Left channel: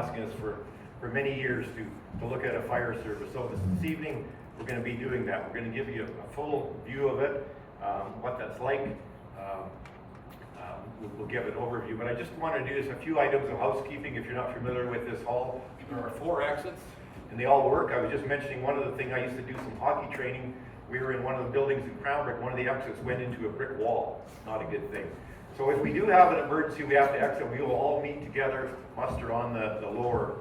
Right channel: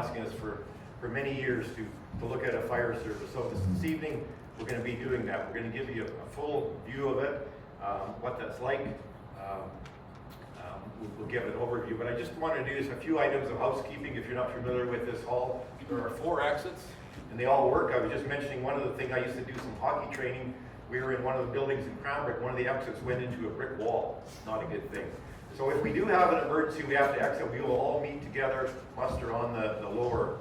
asking us for many years to look at a fire service. So this evening, we're going to be doing that. We're going to give you a full view of it, what that's like. We'll give an overview, but I just want to do is a few items of housekeeping if you're not familiar with this hall. There are 4 exits, and they all work. I was just mentioning one of the things I used to do some hockey training. We were in one of the buildings in Cranbrook. One of the exits went into a brick wall. Not a good thing. So if we do have an emergency, we have to exit. We will all meet together, muster on the lower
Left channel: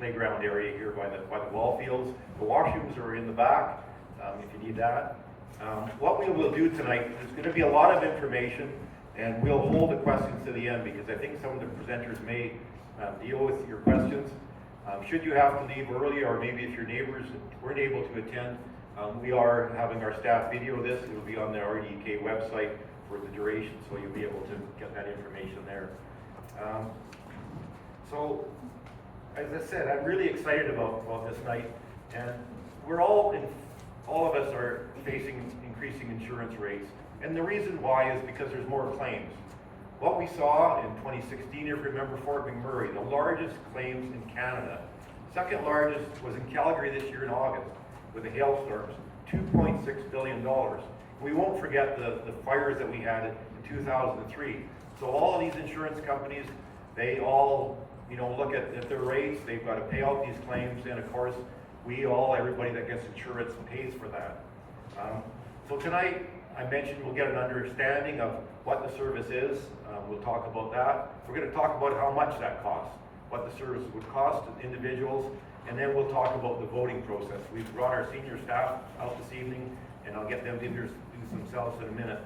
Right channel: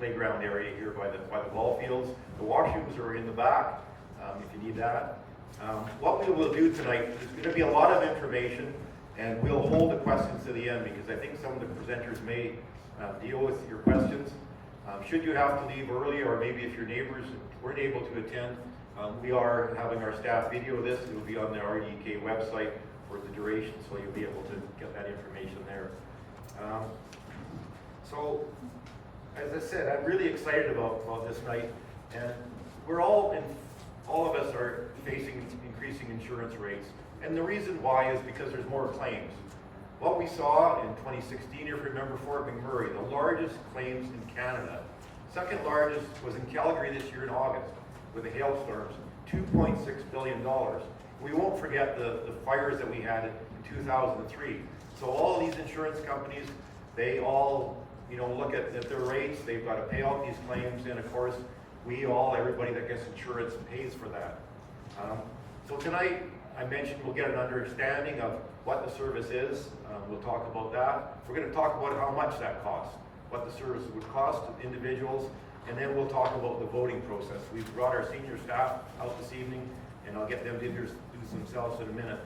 playground area here by the ball fields. The washrooms are in the back if you need that. What we will do tonight, there's going to be a lot of information, and we'll hold the questions to the end because I think some of the presenters may deal with your questions. Should you have to leave early, or maybe if your neighbors weren't able to attend, we are having our staff video this. It will be on the RDK website for the duration, so you'll be able to get that information there. So, as I said, I'm really excited about this night, and we're all of us are facing increasing insurance rates. And the reason why is because there's more claims. What we saw in 2016, if you remember Fort McMurray, the largest claims in Canada. Second largest was in Calgary this year in August with the hailstorms, $2.6 billion. We won't forget the fires that we had in 2003. So all of these insurance companies, they all look at their rates, they've got to pay out these claims, and of course, everybody that gets insurance pays for that. So tonight, I mentioned we'll get an understanding of what the service is. We'll talk about that. We're going to talk about how much that costs, what the service would cost to individuals, and then we'll talk about the voting process. We've brought our senior staff out this evening, and I'll get them to introduce themselves in a minute.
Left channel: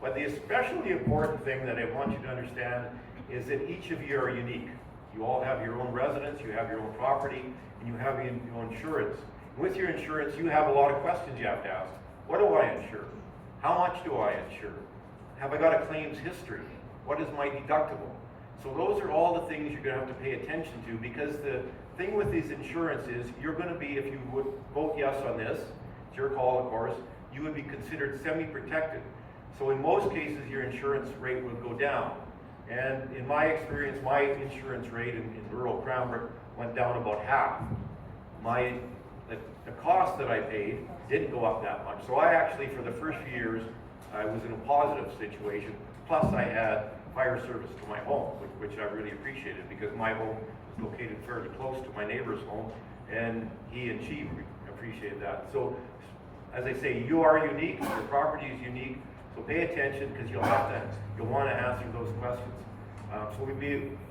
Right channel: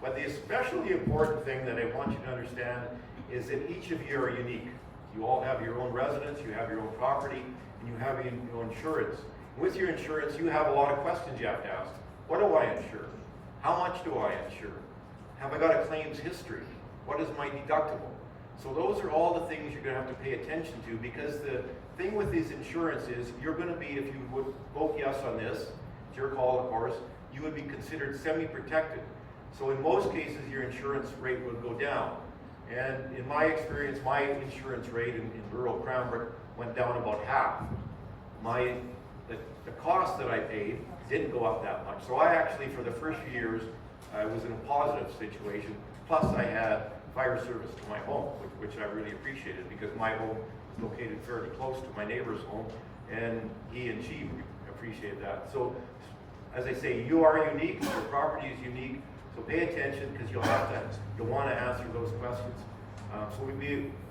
But the especially important thing that I want you to understand is that each of you are unique. You all have your own residence, you have your own property, and you have your own insurance. With your insurance, you have a lot of questions you have to ask. What do I insure? How much do I insure? Have I got a claims history? What is my deductible? So those are all the things you're going to have to pay attention to, because the thing with these insurance is you're going to be, if you would vote yes on this, it's your call of course, you would be considered semi-protected. So in most cases your insurance rate would go down. And in my experience, my insurance rate in rural Cranbrook went down about half. The cost that I paid didn't go up that much. So I actually, for the first few years, I was in a positive situation. Plus I had fire service to my home, which I really appreciated, because my home was located fairly close to my neighbor's home, and he and she appreciated that. So as I say, you are unique, your property is unique, so pay attention, because you'll want to answer those questions.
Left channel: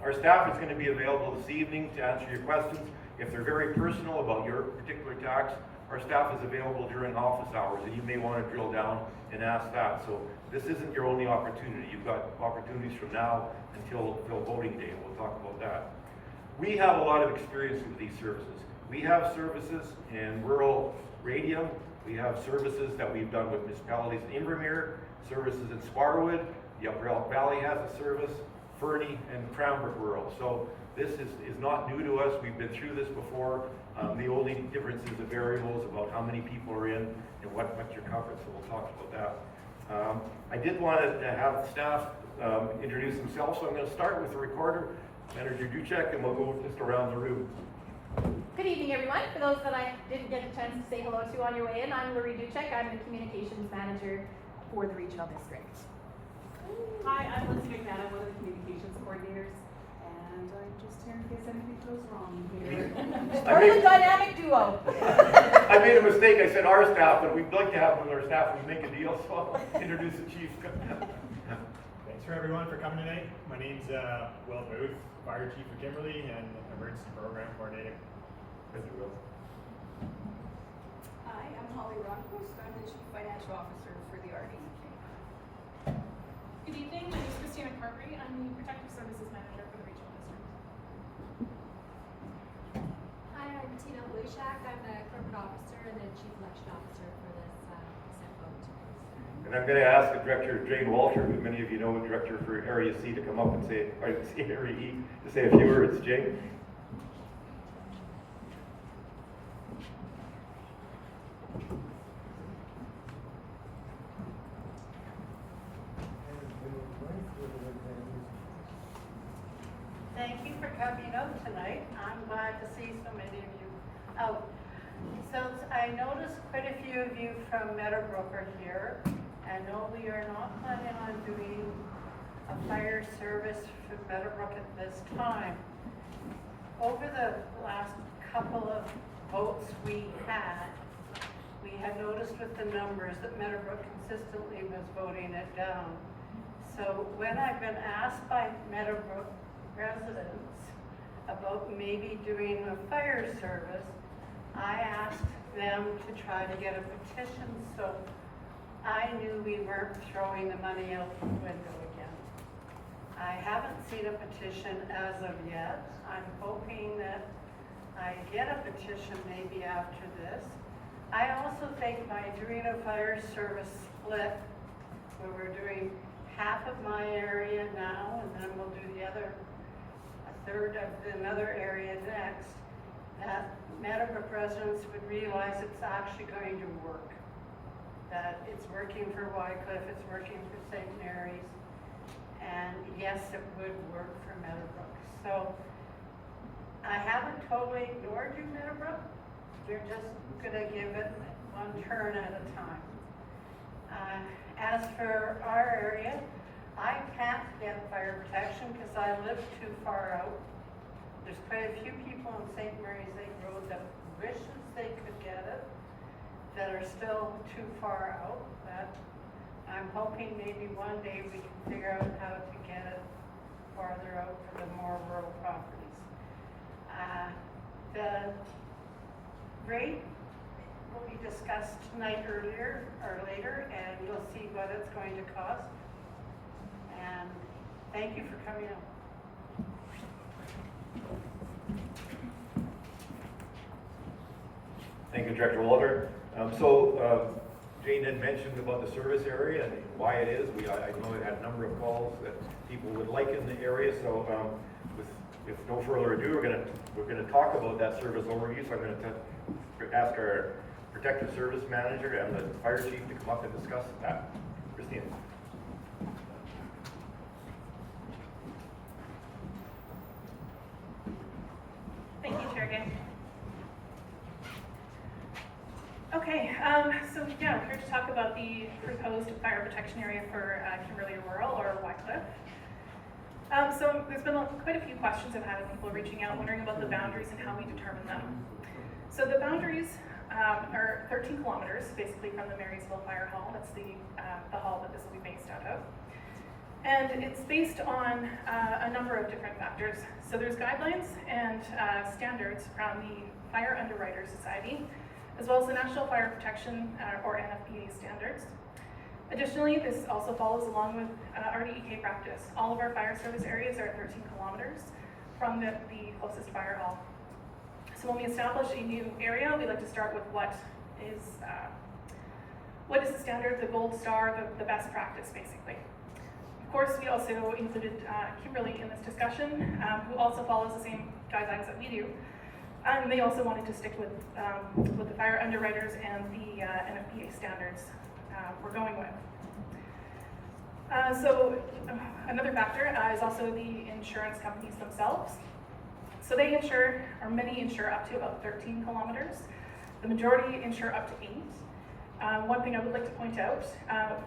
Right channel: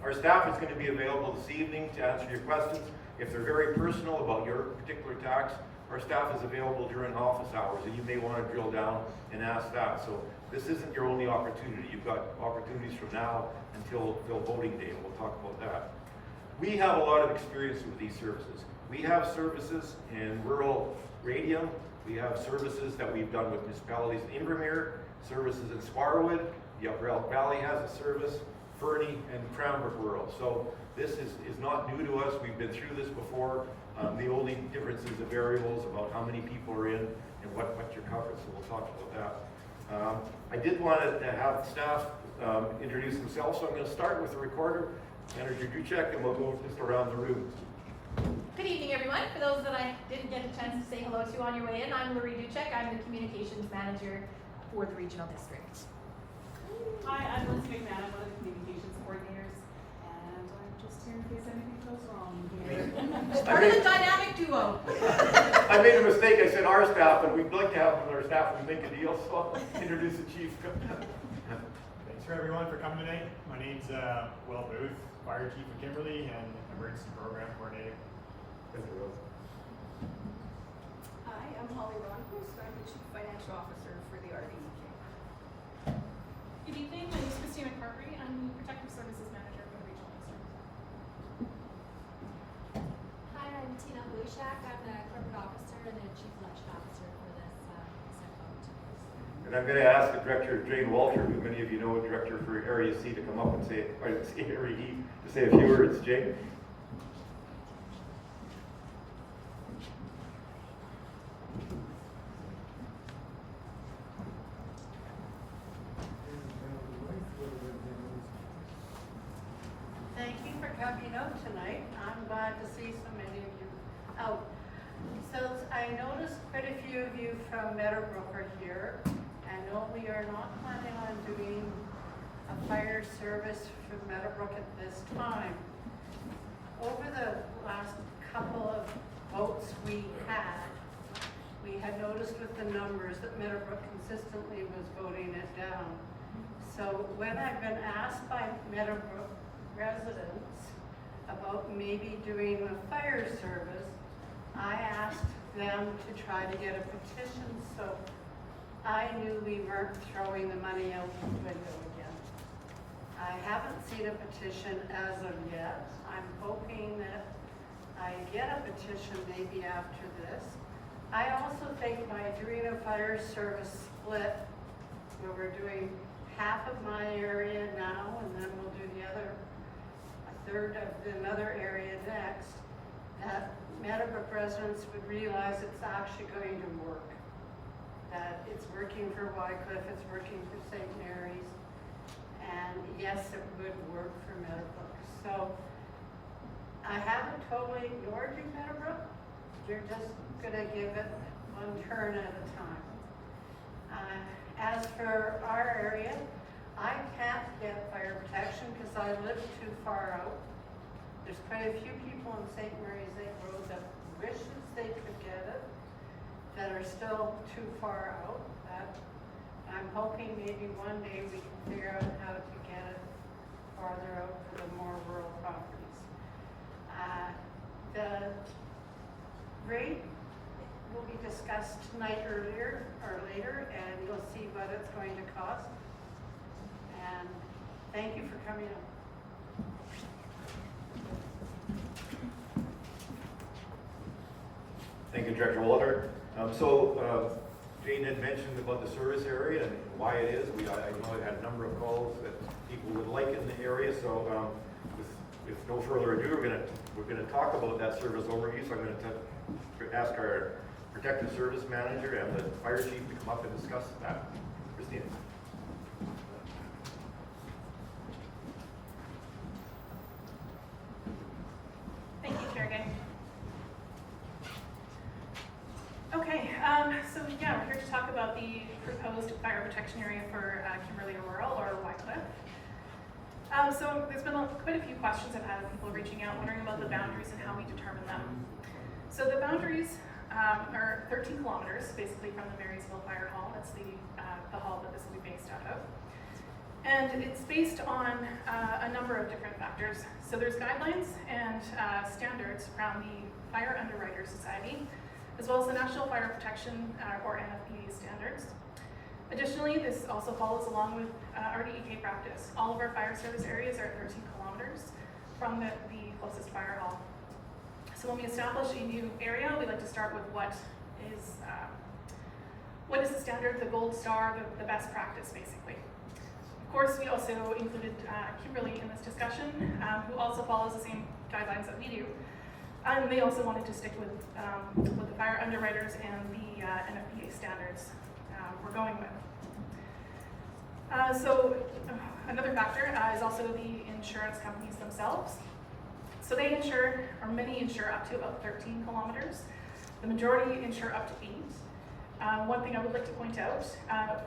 Our staff is going to be available this evening to answer your questions. If they're very personal about your particular tax, our staff is available during office hours, and you may want to drill down and ask that. So this isn't your only opportunity. You've got opportunities from now until voting day, and we'll talk about that. We have a lot of experience with these services. We have services in rural radio. We have services that we've done with municipalities in Invermere, services in Sparwood, the Upper Elk Valley has a service, Fernie, and Cranbrook Rural. So this is not new to us. We've been through this before. The only difference is the variables about how many people are in and what you're covered, so we'll talk about that. I did want to have staff introduce themselves, so I'm going to start with the recorder, Manager Duchek, and we'll go just around the room. Good evening, everyone. For those that I didn't get a chance to say hello to on your way in, I'm Marie Duchek. I'm the Communications Manager for the Regional District. Hi, I'm Lindsay McMahon. I'm one of the Communications Coordinators, and I'm just here in case anything goes wrong here. We're the dynamic duo. I made a mistake. I said our staff, but we'd like to have with our staff when we make a deal, so I'll introduce the chief. Thanks for everyone for coming tonight. My name's Will Booth, Fire Chief of Kimberley and Emergency Program Coordinator. Thank you, Will. Hi, I'm Holly Ronquist. I'm the Chief Financial Officer for the RDK. Good evening. My name is Christina McCarthy. I'm the Protective Services Manager for the Regional District. Hi, I'm Tina Lushak. I'm the Corporate Officer and the Chief Election Officer for this vote. And I'm going to ask the Director Jane Walter, who many of you know, Director for Area C, to come up and say, or Area E, to say a few words. Jane. Thank thank you for coming out tonight. I'm glad to see so many of you out. So I noticed quite a few of you from Meadowbrook are here. And no, we are not planning on doing a fire service for Meadowbrook at this time. Over the last couple of votes we had noticed with the numbers that Meadowbrook consistently was voting it down. So when I've been asked by Meadowbrook residents about maybe doing a fire service, I asked them to try to get a petition so I knew we weren't throwing the money out the window again. I haven't seen a petition as of yet. I'm hoping that I get a petition maybe after this. I also think by doing a fire service split, where we're doing half of my area now, and then we'll do a third of another area next, that Meadowbrook residents would realize it's actually going to work. That it's working for Wycliffe, it's working for St. Mary's, and yes, it would work for Meadowbrook. So I haven't totally ignored you, Meadowbrook. You're just gonna give it one turn at a time. As for our area, I can't get fire protection because I live too far out. There's quite a few people in St. Mary's Lake Road that wishes they could get it, that are still too far out. That I'm hoping maybe one day we can figure out how to get it farther out for the more rural properties. The rate will be discussed tonight or later, and you'll see what it's going to cost. And thank you for coming out. Thank you, Director Walter. Jane had mentioned about the service area and why it is. I know I had a number of calls that people would like in the area. So with no further ado, we're gonna talk about that service overview. So I'm gonna ask our Protective Service Manager and the Fire Chief to come up and discuss that. Christine. Thank you, Chair Gay. Okay, so yeah, we're here to talk about the proposed fire protection area for Kimberley Rural, or Wycliffe. So there's been quite a few questions I've had of people reaching out, wondering about the boundaries and how we determine them. So the boundaries are 13 kilometers, basically from the Marysville Fire Hall. That's the hall that this will be based out of. And it's based on a number of different factors. So there's guidelines and standards from the Fire Underwriters Society, as well as the National Fire Protection, or NFPA standards. Additionally, this also follows along with RDEK practice. All of our fire service areas are at 13 kilometers from the closest fire hall. So when we establish a new area, we like to start with what is the standard, the gold star, the best practice, basically. Of course, we also included Kimberley in this discussion, who also follows the same guidelines that we do. And they also wanted to stick with the fire underwriters and the NFPA standards we're going with. Another factor is also the insurance companies themselves. So they insure, or many insure up to about 13 kilometers. The majority insure up to 8. One thing I would like to point out,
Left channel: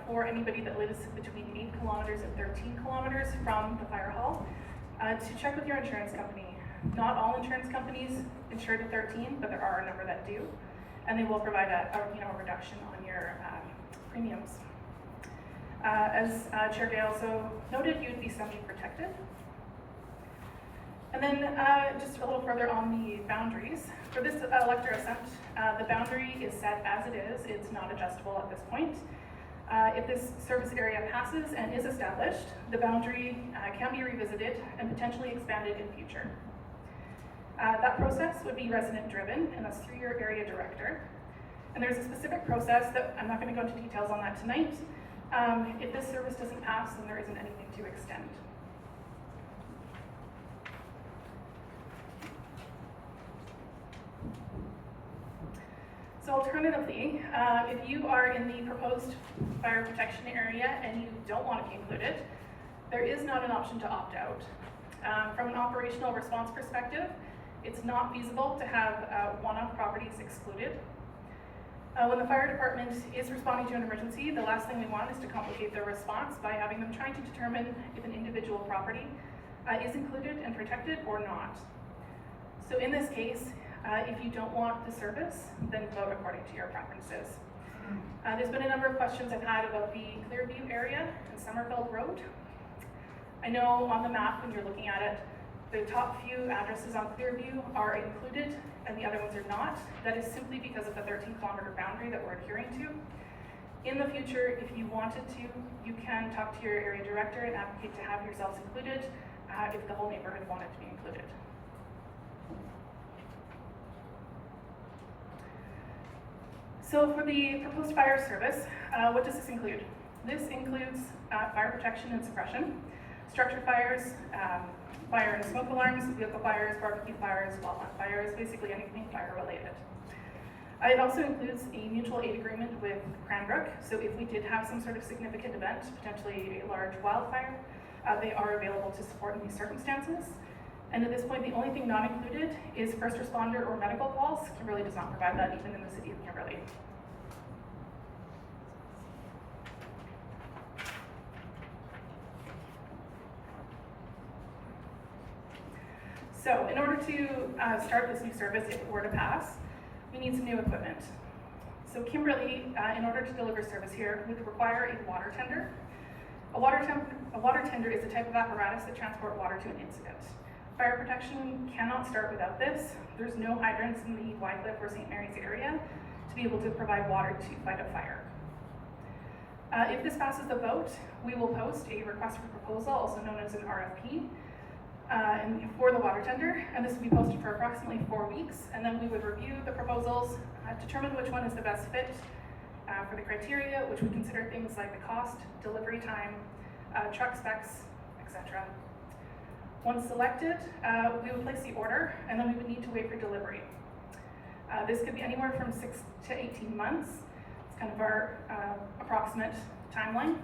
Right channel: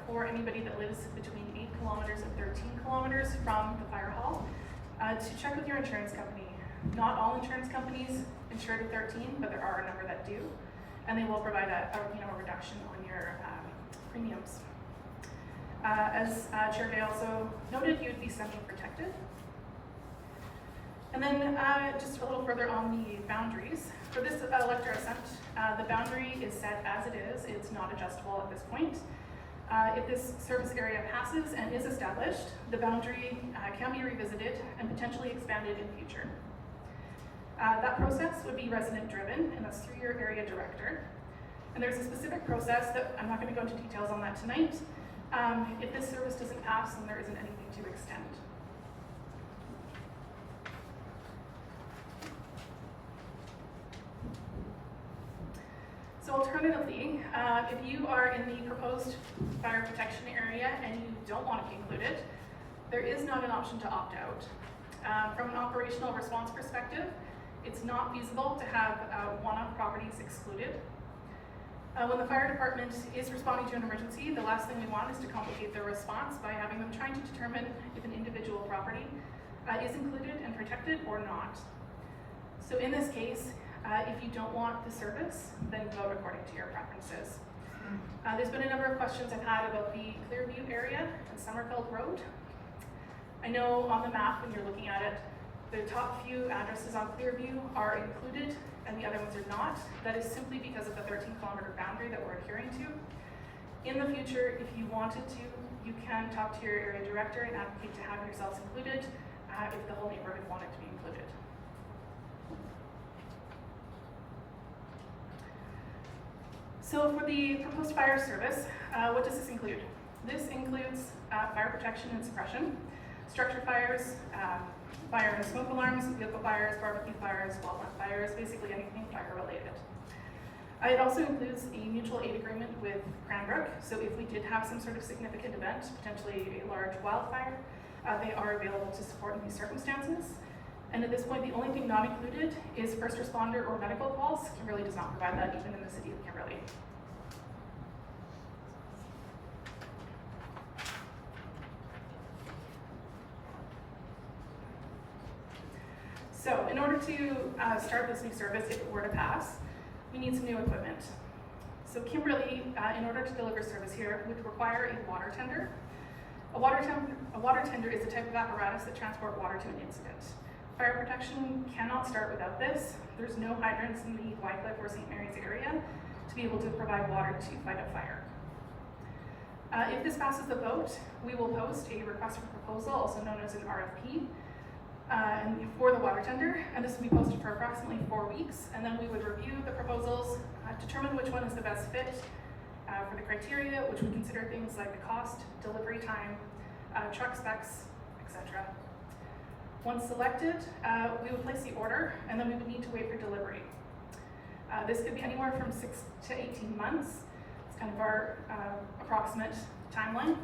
for anybody that lives between 8 kilometers and 13 kilometers from the fire hall, to check with your insurance company. Not all insurance companies insure to 13, but there are a number that do, and they will provide a reduction on your premiums. As Chair Gay also noted, you'd be subject protected. And then just a little further on the boundaries. For this elector assent, the boundary is set as it is. It's not adjustable at this point. If this service area passes and is established, the boundary can be revisited and potentially expanded in future. That process would be resident driven, and that's through your area director. And there's a specific process that I'm not going to go into details on that tonight. If this service doesn't pass, then there isn't anything to extend. So alternatively, if you are in the proposed fire protection area and you don't want to be included, there is not an option to opt out. From an operational response perspective, it's not feasible to have one-off properties excluded. When the fire department is responding to an emergency, the last thing we want is to complicate their response by having them trying to determine if an individual property is included and protected or not. So in this case, if you don't want the service, then vote according to your preferences. There's been a number of questions I've had about the Clearview area and Summerfeld Road. I know on the map when you're looking at it, the top few addresses on Clearview are included and the other ones are not. That is simply because of the 13-kilometer boundary that we're adhering to. In the future, if you wanted to, you can talk to your area director and advocate to have yourselves included if the whole neighborhood wanted to be included. So for the proposed fire service, what does this include? This includes fire protection and suppression, structure fires, fire and smoke alarms, vehicle fires, barbecue fires, wildland fires, basically anything fire related. It also includes a mutual aid agreement with Cranbrook, so if we did have some sort of significant event, potentially a large wildfire, they are available to support in these circumstances. And at this point, the only thing not included is first responder or medical calls. Kimberley does not provide that even in the city of Kimberley. So in order to start this new service, if it were to pass, we need some new equipment. So Kimberley, in order to deliver service here, would require a water tender. A water tender is a type of apparatus that transport water to an incident. Fire protection cannot start without this. There's no hydrants in the Wycliffe or St. Mary's area to be able to provide water to fight a fire. If this passes the vote, we will post a request for proposal, also known as an RFP, and for the water tender, and this will be posted for approximately 4 weeks, and then we would review the proposals, determine which one is the best fit for the criteria, which would consider things like the cost, delivery time, truck specs, etc. Once selected, we would place the order, and then we would need to wait for delivery. This could be anywhere from 6 to 18 months. It's kind of our approximate timeline.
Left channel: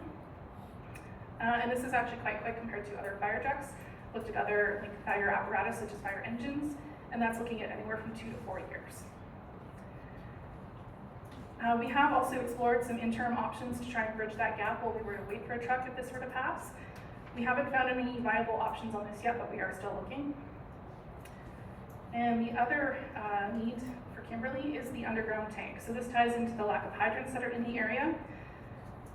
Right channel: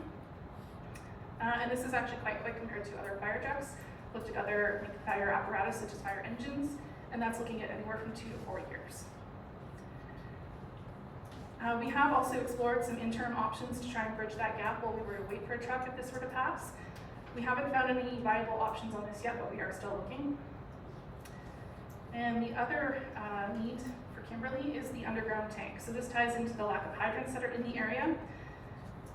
And this is actually quite quick compared to other fire trucks. Looked at other fire apparatus such as fire engines, and that's looking at anywhere from 2 to 4 years. We have also explored some interim options to try and bridge that gap while we were to wait for a truck if this were to pass. We haven't found any viable options on this yet, but we are still looking. And the other need for Kimberley is the underground tank. So this ties into the lack of hydrants that are in the area.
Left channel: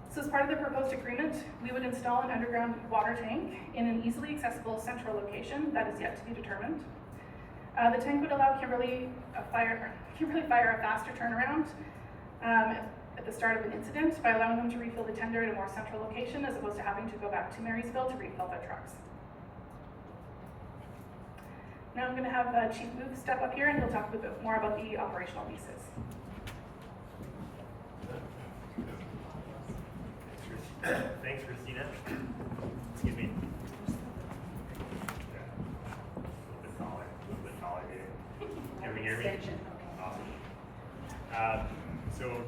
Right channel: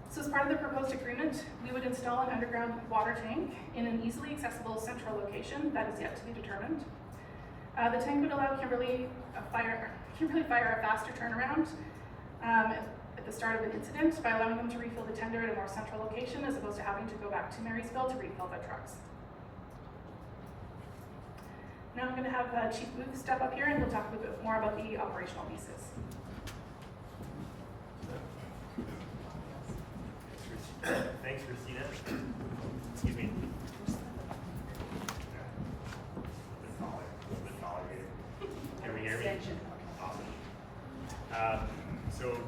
So as part of the proposed agreement, we would install an underground water tank in an easily accessible central location that is yet to be determined. The tank would allow Kimberley Fire a faster turnaround at the start of an incident by allowing them to refill the tender at a more central location as opposed to having to go back to Marysville to refill their trucks. Now I'm going to have Chief Booth step up here and he'll talk a bit more about the operational pieces. Thanks, Christina. Excuse me. Yeah. A little bit taller here. Can we hear me? Awesome. So,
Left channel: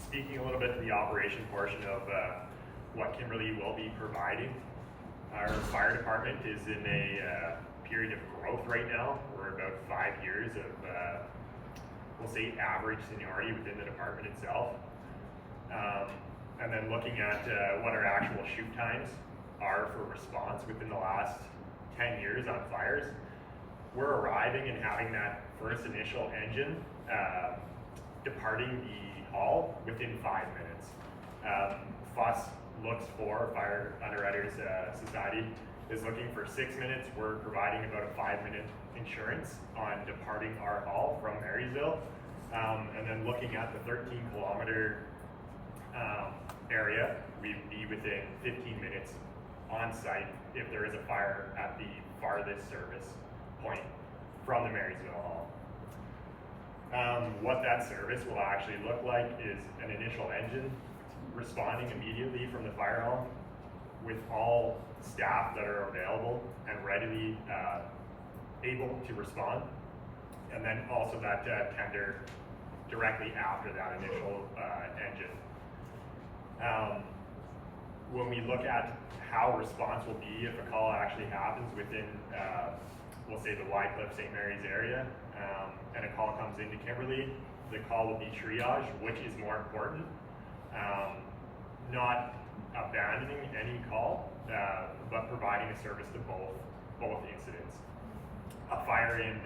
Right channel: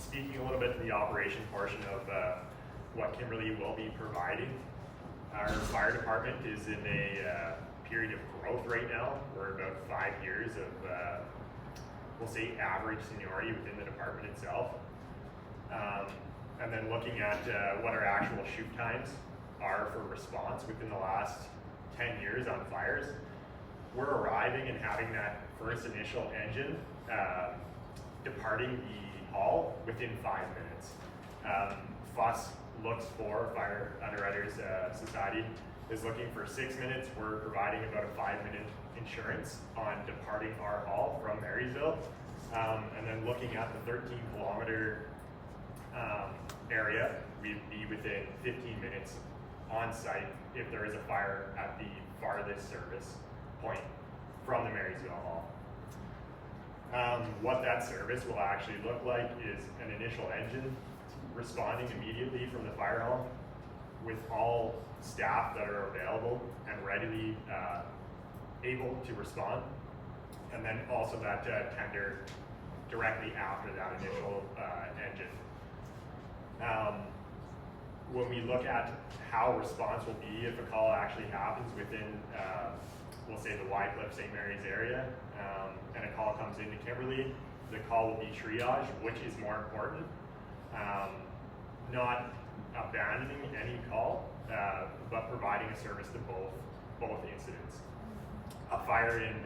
speaking a little bit to the operation portion of what Kimberley will be providing, our fire department is in a period of growth right now. We're about 5 years of, we'll say, average seniority within the department itself. And then looking at what our actual shoot times are for response within the last 10 years on fires, we're arriving and having that first initial engine departing the hall within 5 minutes. FUS looks for, Fire Underwriters Society is looking for 6 minutes. We're providing about a 5-minute insurance on departing our hall from Marysville. And then looking at the 13-kilometer area, we'd be within 15 minutes on site if there is a fire at the farthest service point from the Marysville Hall. What that service will actually look like is an initial engine responding immediately from the fire hall with all staff that are available and readily able to respond, and then also that tender directly after that initial engine. when we look at how response will be if a call actually happens within, we'll say the Wycliffe St. Mary's area, and a call comes into Kimberley, the call will be triage, which is more important. Not abandoning any call, but providing a service to both incidents. A fire in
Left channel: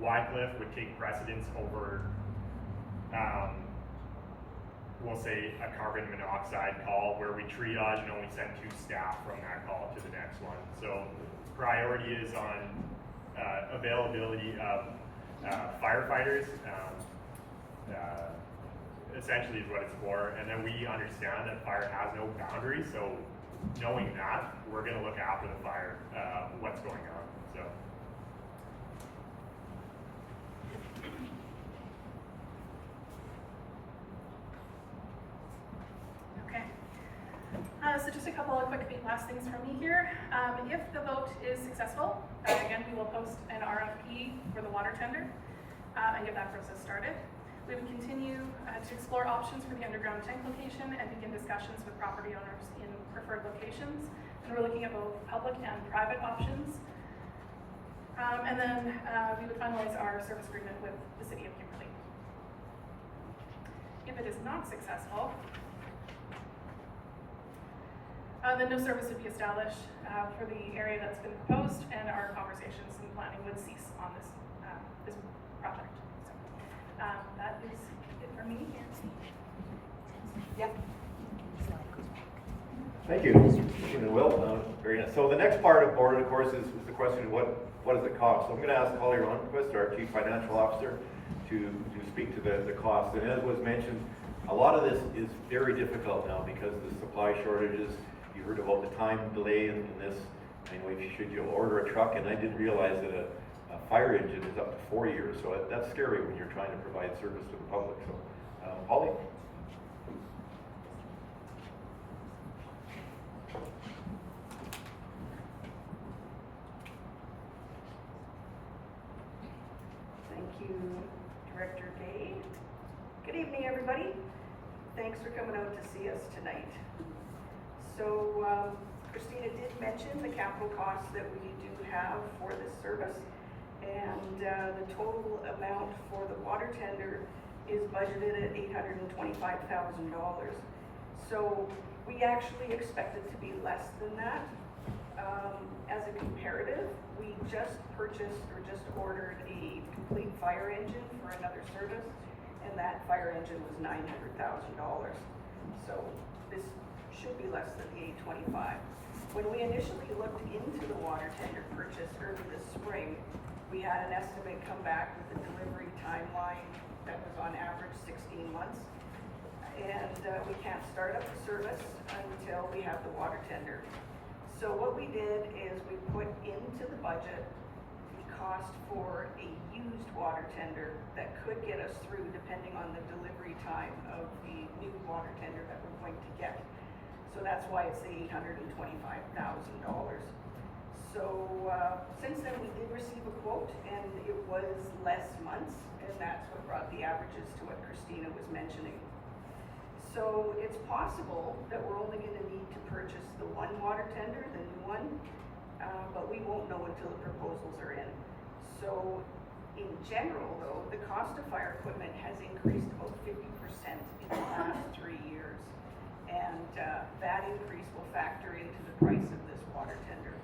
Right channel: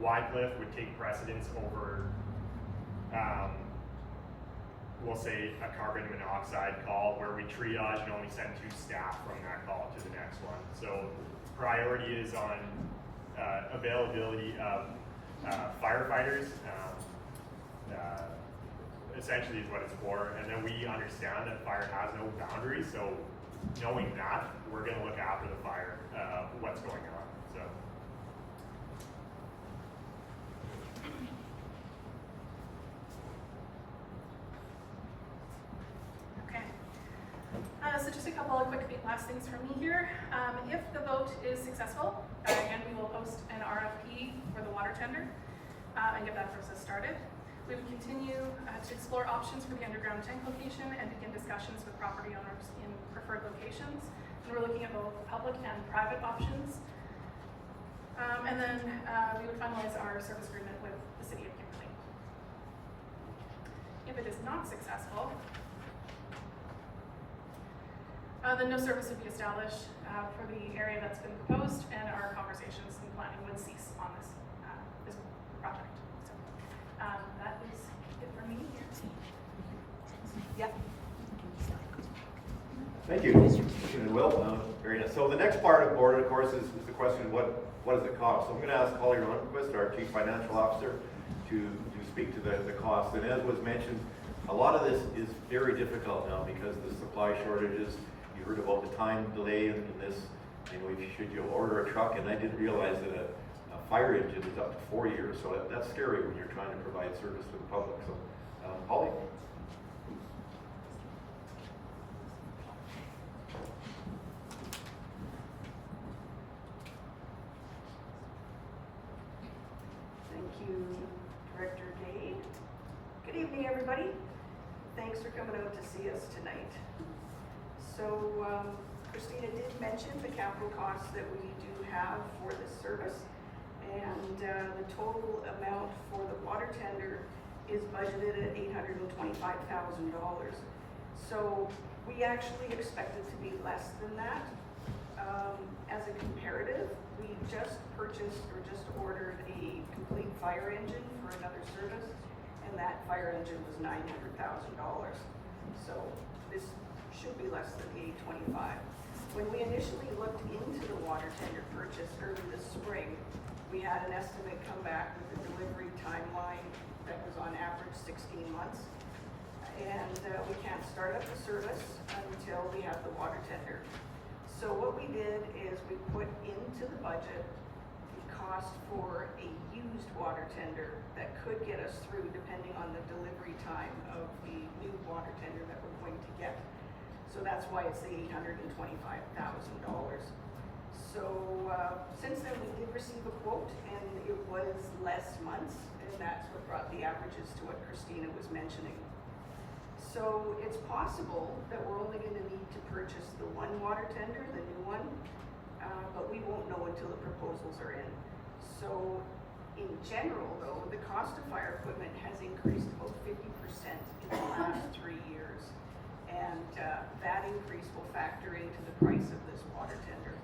Wycliffe would take precedence over, we'll say, a carbon monoxide call where we triage and only send 2 staff from that call to the next one. So priority is on availability of firefighters, essentially is what it's for. And then we understand that fire has no boundaries, so knowing that, we're going to look after the fire, what's going on. So. Okay. So just a couple of quick last things from me here. If the vote is successful, again, we will post an RFP for the water tender and get that process started. We would continue to explore options for the underground tank location and begin discussions with property owners in preferred locations. And we're looking at both public and private options. And then we would finalize our service agreement with the city of Kimberley. If it is not successful, then no service would be established for the area that's been proposed, and our conversations and planning would cease on this project. So that is it for me here. Yep. Thank you, Christina and Will. Very nice. So the next part of board, of course, is the question, what does it cost? So I'm going to ask Holly Ronquist, our Chief Financial Officer, to speak to the cost. And as was mentioned, a lot of this is very difficult now because of the supply shortages. You heard about the time delay in this. You know, should you order a truck, and I didn't realize that a fire engine is up to 4 years. So that's scary when you're trying to provide service to the public. So, Holly. Thank you, Director Gay. Good evening, everybody. Thanks for coming out to see us tonight. So, Christina did mention the capital costs that we do have for this service, and the total amount for the water tender is budgeted at $825,000. So we actually expect it to be less than that. As a comparative, we just purchased or just ordered a complete fire engine for another service, and that fire engine was $900,000. So this should be less than the $825,000. When we initially looked into the water tender purchase early this spring, we had an estimate come back with a delivery timeline that was on average 16 months. And we can't start up the service until we have the water tender. So what we did is we put into the budget the cost for a used water tender that could get us through depending on the delivery time of the new water tender that we're going to get. So that's why it's the $825,000. So since then we did receive a quote, and it was less months, and that's what brought the averages to what Christina was mentioning. So it's possible that we're only going to need to purchase the one water tender, the new one, but we won't know until the proposals are in. So in general, though, the cost of fire equipment has increased about 50% in the last 3 years. And that increase will factor into the price of this water tender.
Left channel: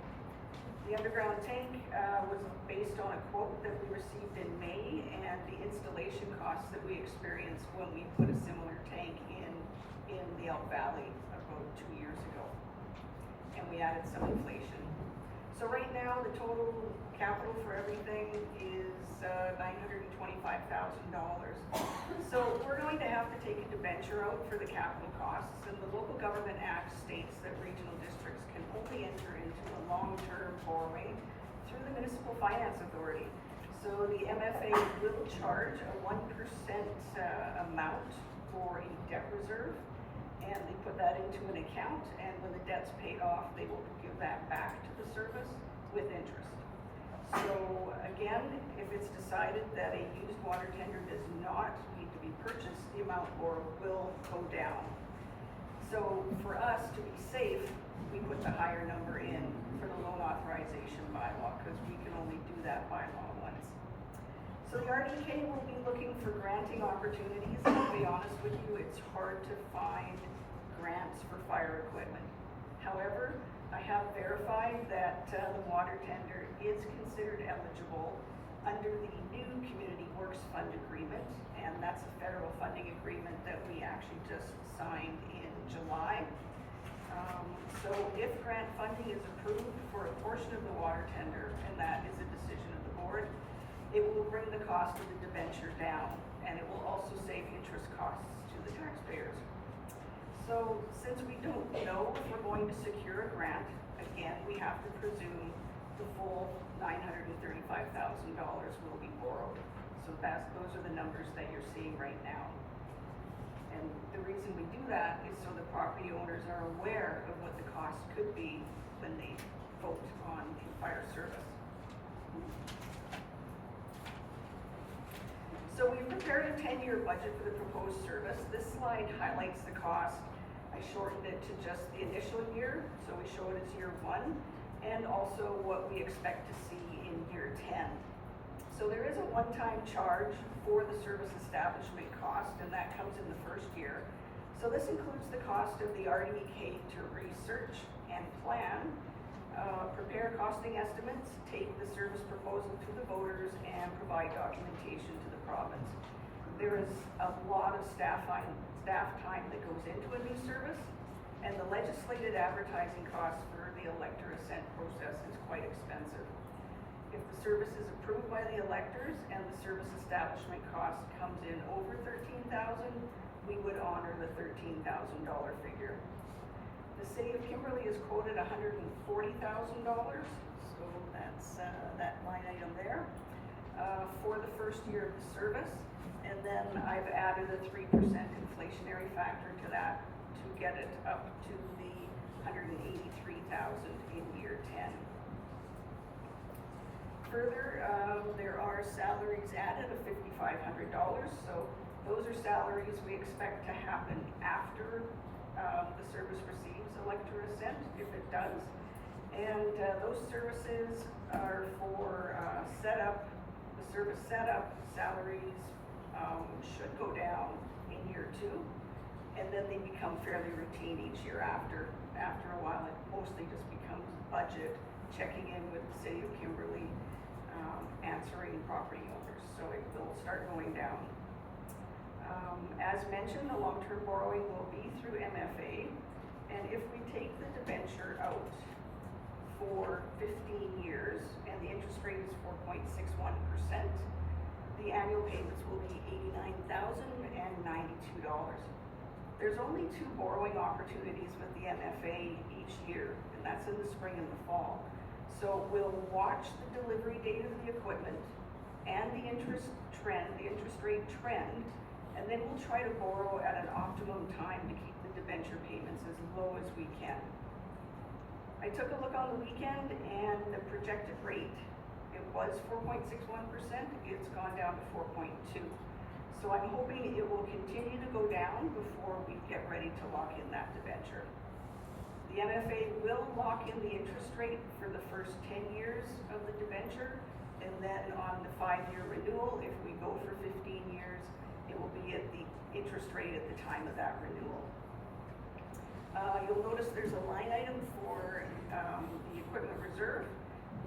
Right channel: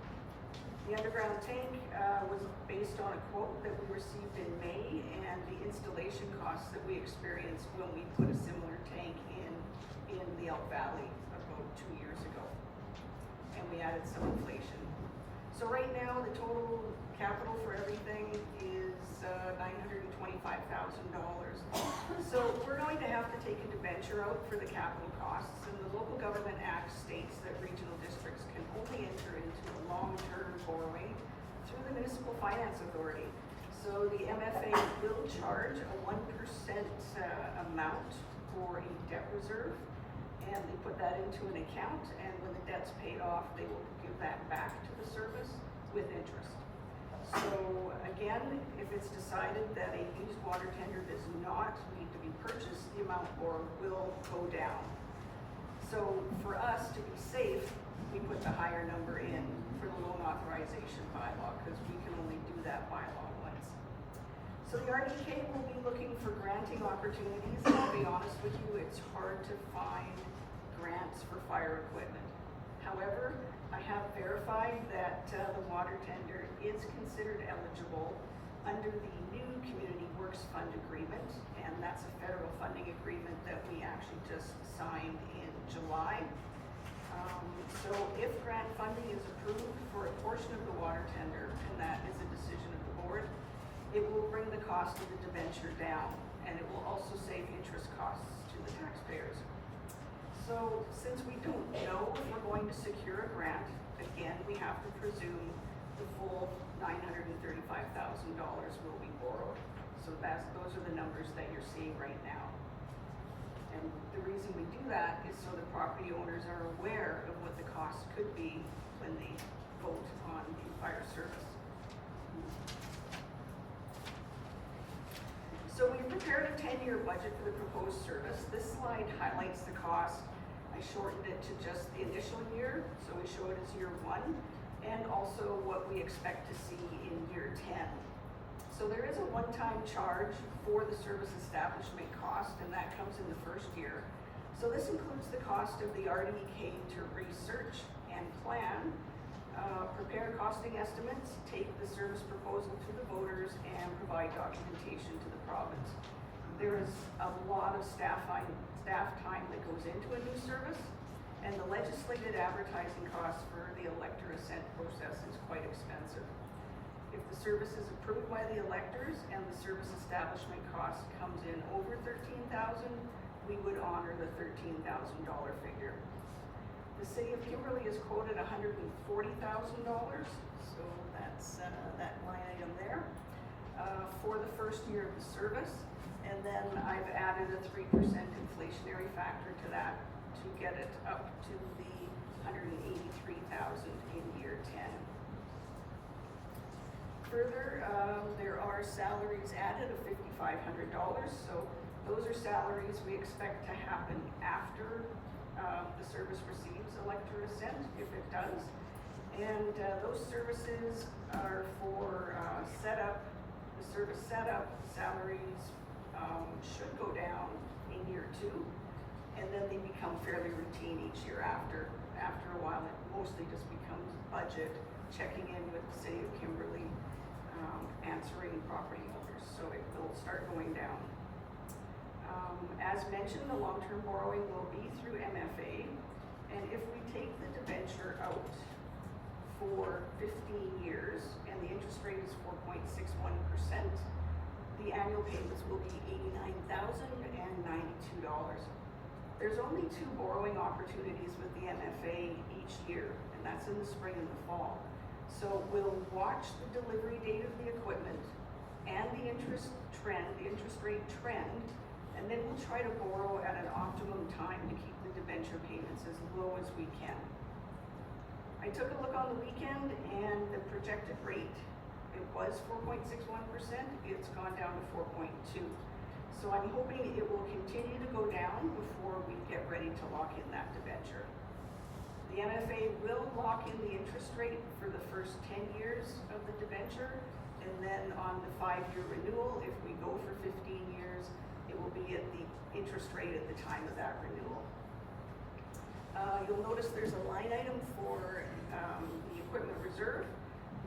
The underground tank was based on a quote that we received in May, and the installation costs that we experienced when we put a similar tank in the Elk Valley about 2 years ago. And we added some inflation. So right now, the total capital for everything is $925,000. So we're going to have to take a debenture out for the capital costs, and the Local Government Act states that regional districts can only enter into a long-term borrowing through the Municipal Finance Authority. So the MFA will charge a 1% amount for a debt reserve, and they put that into an account, and when the debt's paid off, they will give that back to the service with interest. So again, if it's decided that a used water tender does not need to be purchased, the amount will go down. So for us to be safe, we put the higher number in for the loan authorization bylaw, because we can only do that bylaw once. So the RDK will be looking for granting opportunities, and I'll be honest with you, it's hard to find grants for fire equipment. However, I have verified that the water tender is considered eligible under the new Community Works Fund agreement, and that's a federal funding agreement that we actually just signed in July. So if grant funding is approved for a portion of the water tender, and that is a decision of the board, it will bring the cost of the debenture down, and it will also save interest costs to the taxpayers. So since we don't know if we're going to secure a grant, again, we have to presume the full $935,000 will be borrowed. So those are the numbers that you're seeing right now. And the reason we do that is so the property owners are aware of what the cost could be when they vote on the fire service. So we've prepared a 10-year budget for the proposed service. This slide highlights the cost. I shortened it to just the initial year, so we show it as year 1, and also what we expect to see in year 10. So there is a one-time charge for the service establishment cost, and that comes in the first year. So this includes the cost of the RDK to research and plan, prepare costing estimates, take the service proposal to the voters, and provide documentation to the province. There is a lot of staff time that goes into a new service, and the legislated advertising costs for the elector assent process is quite expensive. If the service is approved by the electors and the service establishment cost comes in over $13,000, we would honor the $13,000 figure. The city of Kimberley is quoted $140,000, so that's that line item there for the first year of the service. And then I've added a 3% inflationary factor to that to get it up to the $183,000 in year 10. Further, there are salaries added of $5,500. So those are salaries we expect to happen after the service receives elector assent, if it does. And those services are for setup, the service setup, salaries should go down in year 2, and then they become fairly routine each year after. After a while, it mostly just becomes budget, checking in with the city of Kimberley, answering property owners, so it will start going down. As mentioned, the long-term borrowing will be through MFA, and if we take the debenture out for 15 years, and the interest rate is 4.61%, the annual payments will be $89,092. There's only 2 borrowing opportunities with the MFA each year, and that's in the spring and the fall. So we'll watch the delivery date of the equipment and the interest rate trend, and then we'll try to borrow at an optimum time to keep the debenture payments as low as we can. I took a look on the weekend, and the projected rate, it was 4.61%, it's gone down to 4.2. So I'm hoping it will continue to go down before we get ready to lock in that debenture. The MFA will lock in the interest rate for the first 10 years of the debenture, and then on the 5-year renewal, if we go for 15 years, it will be at the interest rate at the time of that renewal. You'll notice there's a line item for the equipment reserve,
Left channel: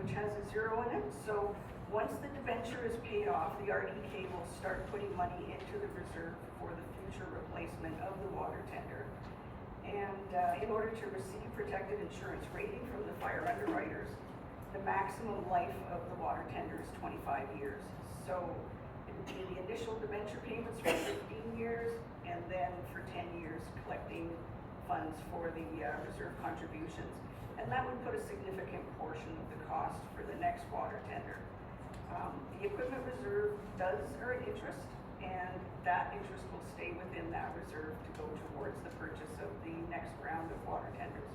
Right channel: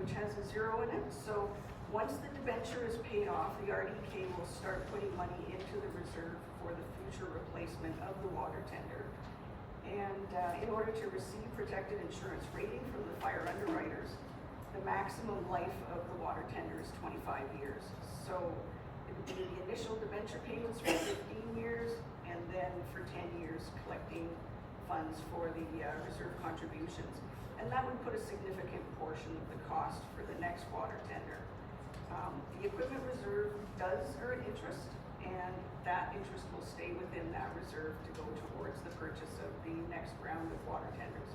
which has a 0 in it. So once the debenture is paid off, the RDK will start putting money into the reserve for the future replacement of the water tender. And in order to receive protected insurance rating from the fire underwriters, the maximum life of the water tender is 25 years. So it would be the initial debenture payments for 15 years, and then for 10 years collecting funds for the reserve contributions. And that would put a significant portion of the cost for the next water tender. The equipment reserve does earn interest, and that interest will stay within that reserve to go towards the purchase of the next round of water tenders.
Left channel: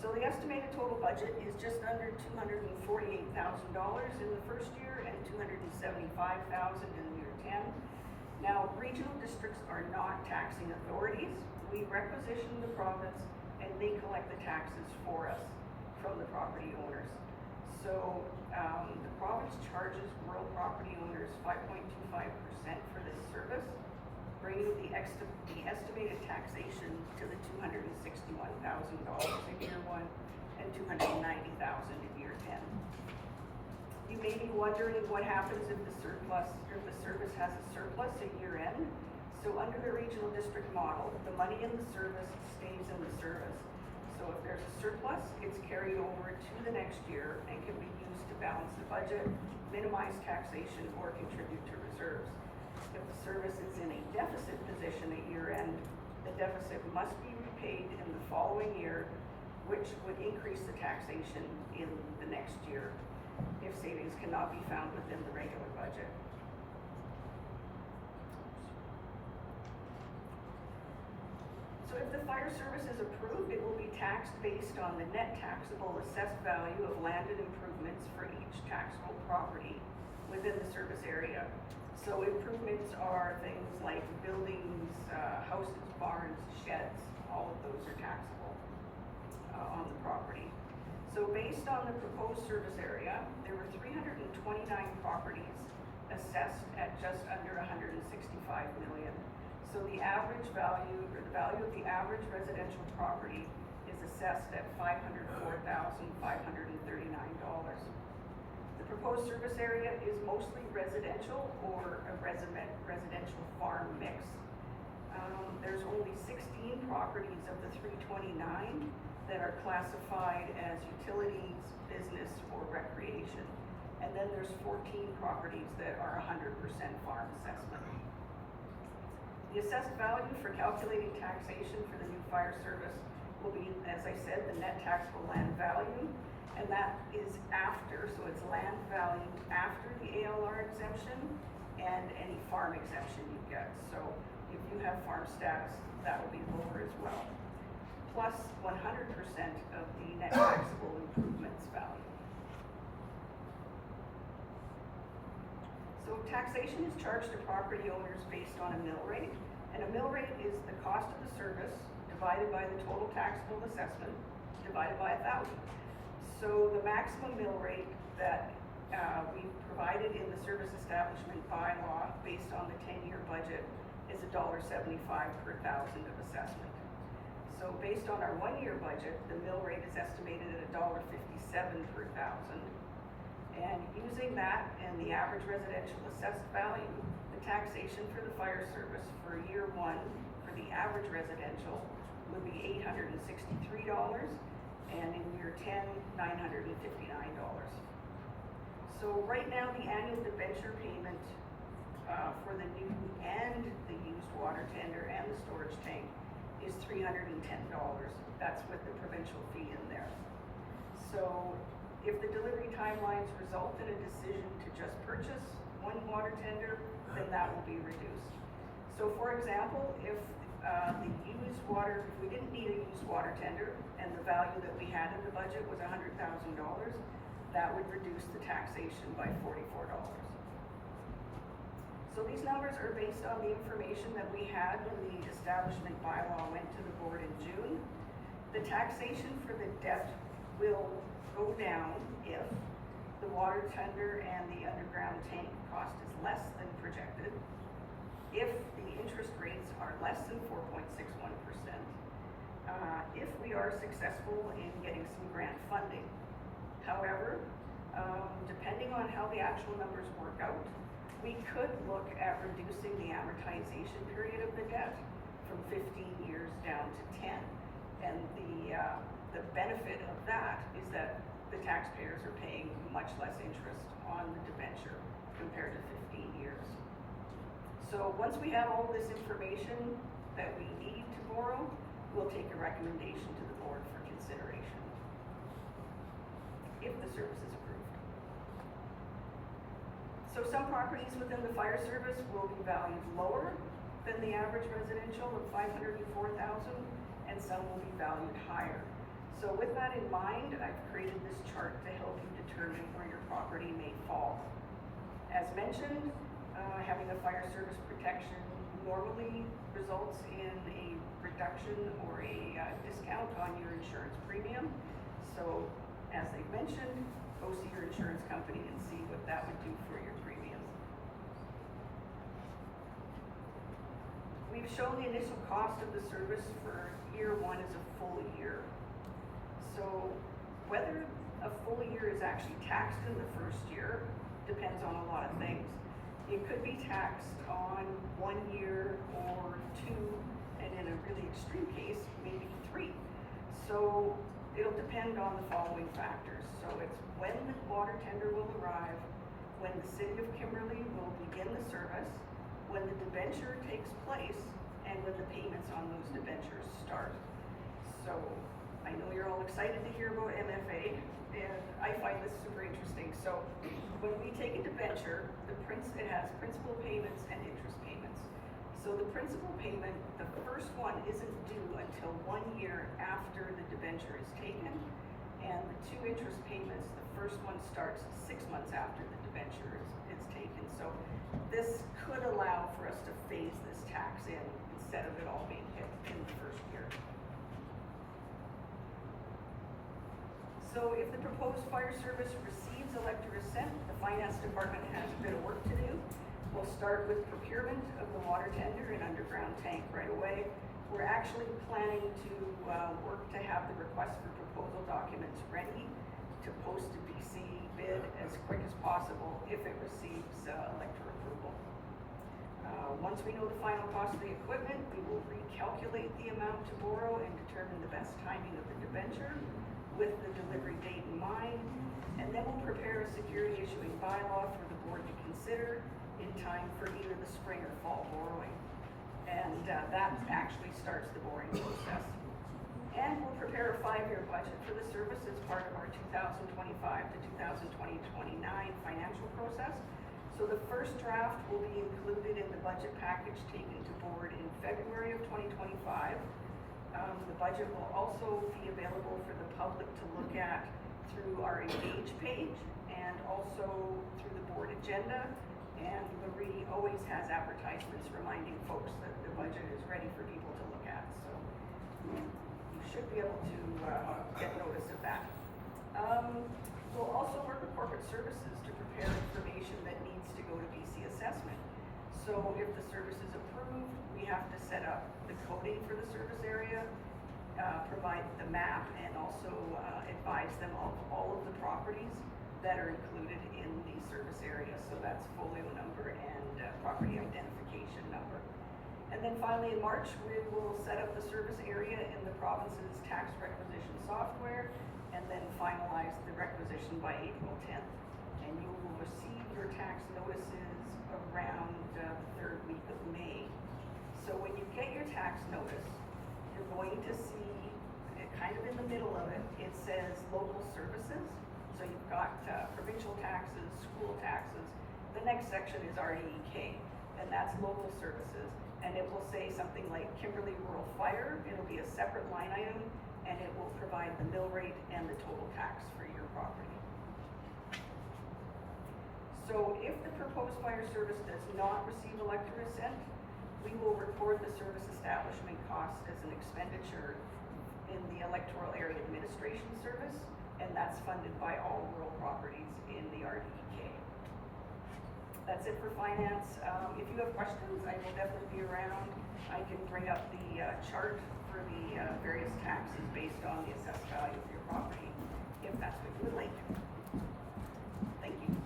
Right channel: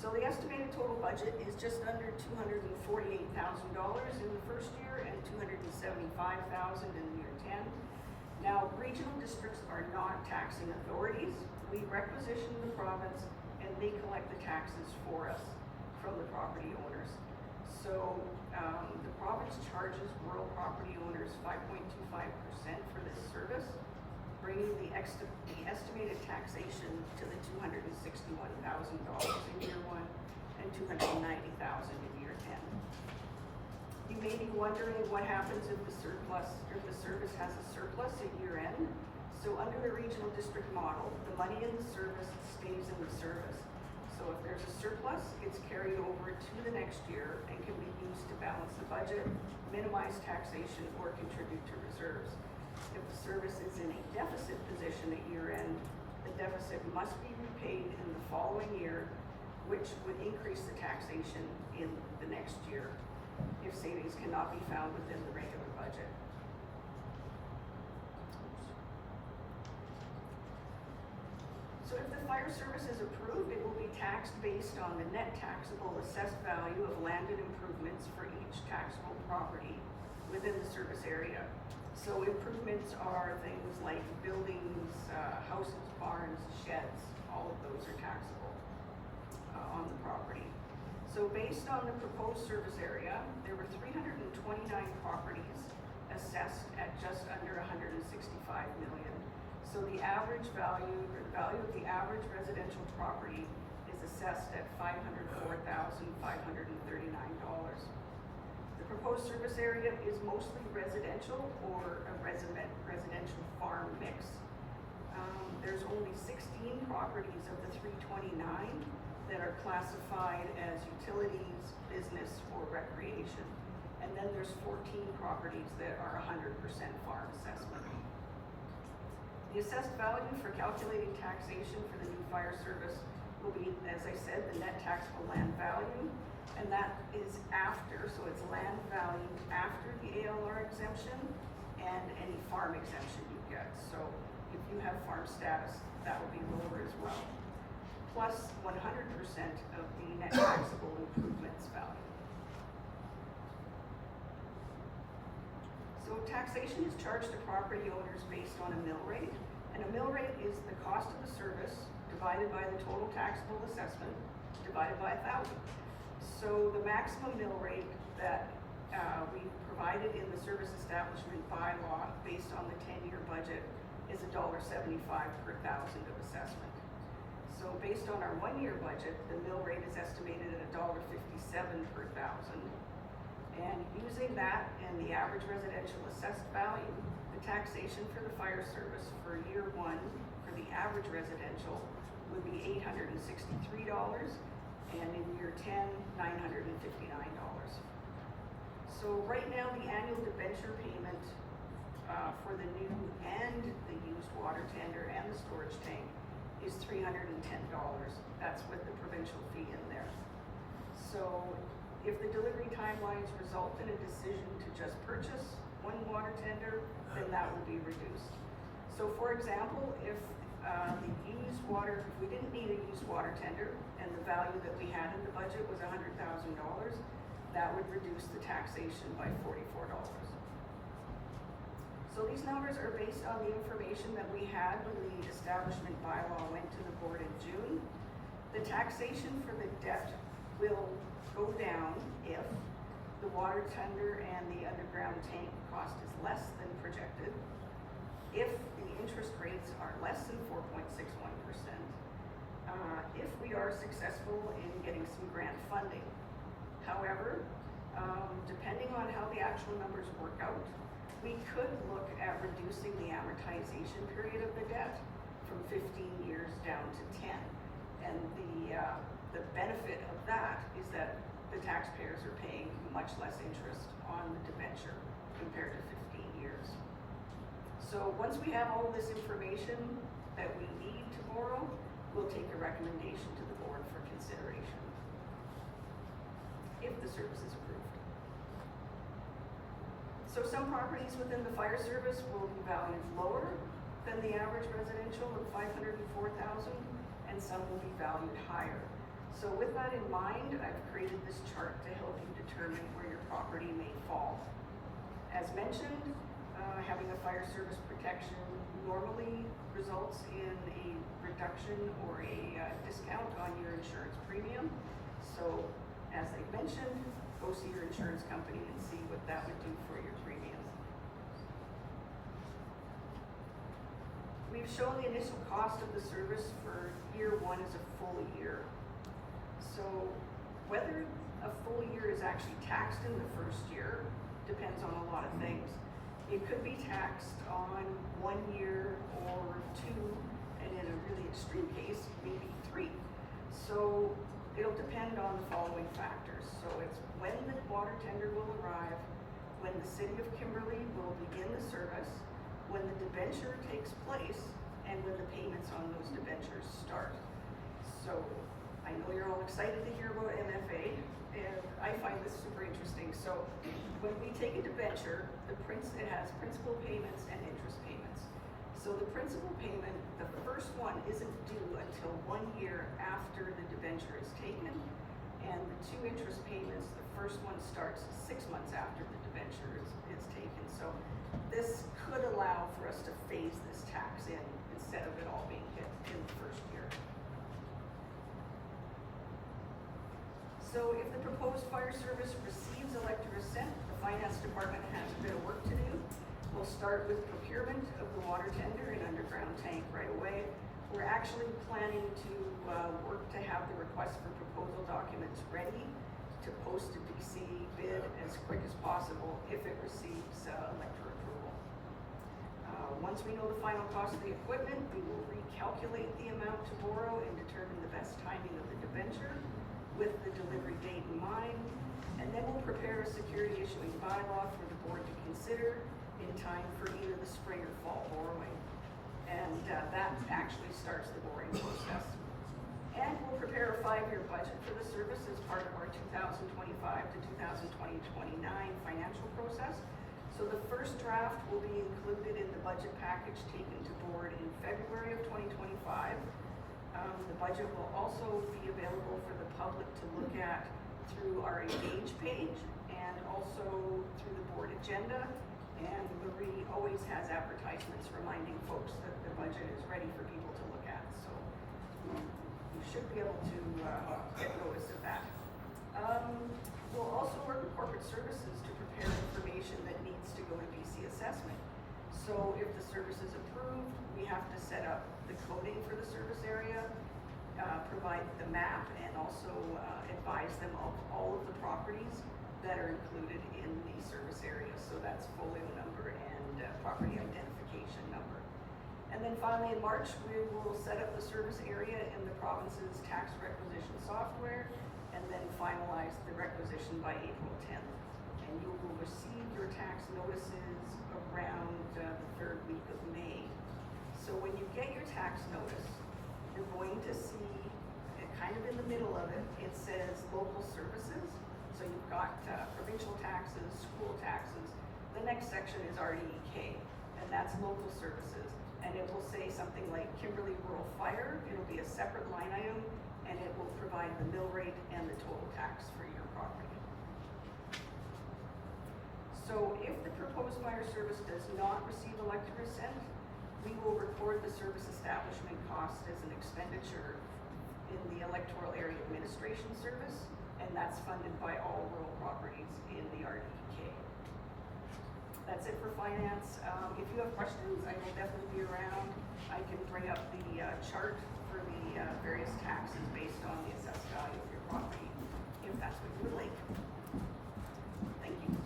So the estimated total budget is just under $248,000 in the first year and $275,000 in year 10. Now, regional districts are not taxing authorities. We requisition the province and they collect the taxes for us from the property owners. So, the province charges rural property owners 5.25% for this service, bringing the estimated taxation to the $261,000 in year 1 and $290,000 in year 10. You may be wondering what happens if the service has a surplus at year end. So under the regional district model, the money in the service stays in the service. So if there's a surplus, it's carried over to the next year and can be used to balance the budget, minimize taxation, or contribute to reserves. If the service is in a deficit position at year end, the deficit must be repaid in the following year, which would increase the taxation in the next year if savings cannot be found within the regular budget. So if the fire service is approved, it will be taxed based on the net taxable assessed value of landed improvements for each taxable property within the service area. So improvements are things like buildings, houses, barns, sheds, all of those are taxable on the property. So based on the proposed service area, there were 329 properties assessed at just under 165 million. So the average value, or the value of the average residential property is assessed at $504,539. The proposed service area is mostly residential or a residential farm mix. There's only 16 properties of the 329 that are classified as utilities, business, or recreation. And then there's 14 properties that are 100% farm assessment. The assessed value for calculating taxation for the new fire service will be, as I said, the net taxable land value, and that is after, so it's land value after the ALR exemption and any farm exemption you get. So if you have farm status, that would be lower as well. Plus 100% of the net taxable improvements value. So taxation is charged to property owners based on a mill rate, and a mill rate is the cost of the service divided by the total taxable assessment divided by 1,000. So the maximum mill rate that we provided in the service establishment bylaw based on the 10-year budget is $1.75 per thousand of assessment. So based on our 1-year budget, the mill rate is estimated at $1.57 per thousand. And using that and the average residential assessed value, the taxation for the fire service for year 1 for the average residential would be $863, and in year 10, $959. So right now, the annual debenture payment for the new and the used water tender and the storage tank is $310. That's with the provincial fee in there. So if the delivery timelines result in a decision to just purchase one water tender, then that will be reduced. So for example, if if we didn't need a used water tender and the value that we had in the budget was $100,000, that would reduce the taxation by $44. So these numbers are based on the information that we had when the establishment bylaw went to the board in June. The taxation for the debt will go down if the water tender and the underground tank cost is less than projected, if the interest rates are less than 4.61%, if we are successful in getting some grant funding. However, depending on how the actual numbers work out, we could look at reducing the amortization period of the debt from 15 years down to 10. And the benefit of that is that the taxpayers are paying much less interest on the debenture compared to 15 years. So once we have all this information that we need to borrow, we'll take a recommendation to the board for consideration if the service is approved. So some properties within the fire service will be valued lower than the average residential of $504,000, and some will be valued higher. So with that in mind, I've created this chart to help you determine where your property may fall. As mentioned, having a fire service protection normally results in a reduction or a discount on your insurance premium. So, as they mentioned, go see your insurance company and see what that would do for your premiums. We've shown the initial cost of the service for year one is a full year. So, whether a full year is actually taxed in the first year depends on a lot of things. It could be taxed on 1 year or 2, and in a really extreme case, maybe 3. So it'll depend on the following factors. So it's when the water tender will arrive, when the city of Kimberley will begin the service, when the debenture takes place, and when the payments on those debentures start. So I know you're all excited to hear about MFA, and I find this super interesting. So when we take a debenture, it has principal payments and interest payments. So the principal payment, the first one isn't due until 1 year after the debenture is taken, and the 2 interest payments, the first one starts 6 months after the debenture is taken. So this could allow for us to phase this tax in instead of it all being hit in the first year. So if the proposed fire service receives elector assent, the finance department has a bit of work to do. We'll start with procurement of the water tender and underground tank right away. We're actually planning to work to have the request for proposal documents ready to post a BC bid as quick as possible if it receives elector approval. Once we know the final cost of the equipment, we will recalculate the amount to borrow and determine the best timing of the debenture with the delivery date in mind, and then we'll prepare a security issuing bylaw for the board to consider in time for either the spring or fall borrowing. And that actually starts the borrowing process. And we'll prepare a 5-year budget for the service as part of our 2025 to 2029 financial process. So the first draft will be included in the budget package taken to board in February of 2025. The budget will also be available for the public to look at through our Engage page and also through the board agenda. And Marie always has advertisements reminding folks that the budget is ready for people to look at. So you should be able to get notice of that. We'll also work with corporate services to prepare information that needs to go to BC assessment. So if the service is approved, we have to set up the coding for the service area, provide the map, and also advise them of all of the properties that are included in the service area. So that's folio number and property identification number. And then finally in March, we will set up the service area in the province's tax requisition software and then finalize the requisition by April 10th. And you will receive your tax notices around the 3rd week of May. So when you get your tax notice, you're going to see, kind of in the middle of it, it says local services. So you've got provincial taxes, school taxes. The next section is RDEK, and that's local services. And it will say something like Kimberley Rural Fire. It'll be a separate line item, and it will provide the mill rate and the total tax for your property. So if the proposed fire service does not receive elector assent, we will record the service establishment cost as an expenditure in the electoral area administration service, and that's funded by all rural properties in the RDEK. That's it for finance. If you have questions, I will definitely be around. I can bring up the chart for the various taxes based on the assessed value of your property, if that's what you would like. Thank you.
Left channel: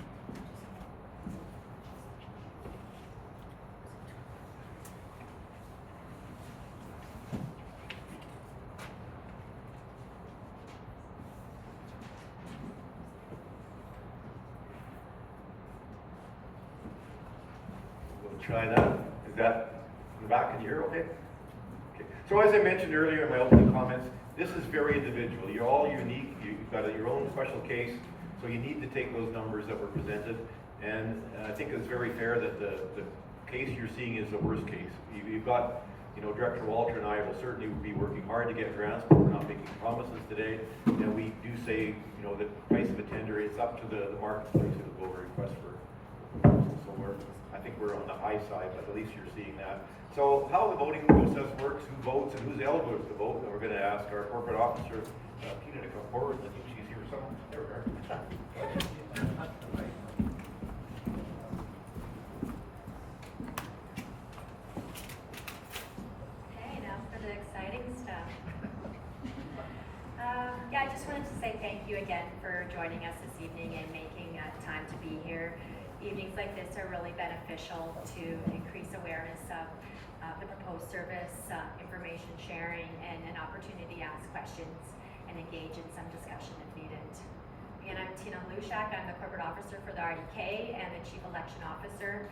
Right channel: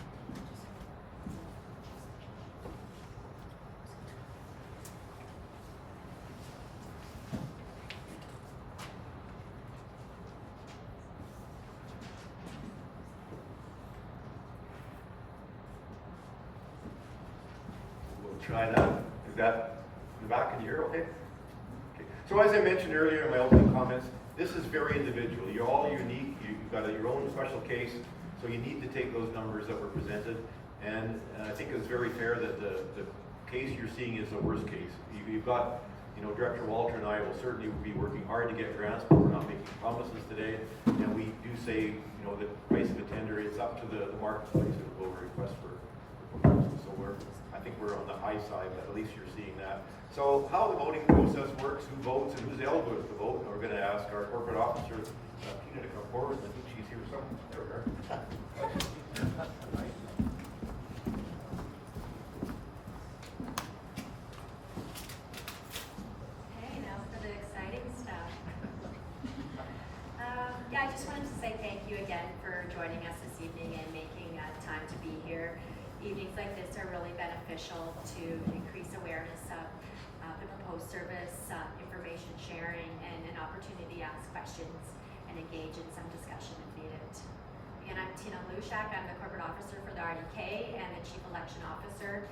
We'll try that. Is that in the back? Can you hear okay? Okay. So as I mentioned earlier in my opening comments, this is very individual. You're all unique. You've got your own special case, so you need to take those numbers that were presented. And I think it's very fair that the case you're seeing is the worst case. You've got, you know, Director Walter and I will certainly be working hard to get grants, but we're not making promises today. And we do say, you know, the price of a tender is up to the marketplace and we'll request for proposals. So I think think we're on the high side, but at least you're seeing that. So how the voting process works, who votes and who's eligible to vote, and we're gonna ask our corporate officer, Tina, to come forward. I think she's here somewhere. There we are. Okay, now for the exciting stuff. Yeah, I just wanted to say thank you again for joining us this evening and making time to be here. Evenings like this are really beneficial to increase awareness of the proposed service, information sharing, and an opportunity to ask questions and engage in some discussion if needed. Again, I'm Tina Lushak. I'm the corporate officer for the RDK and the chief election officer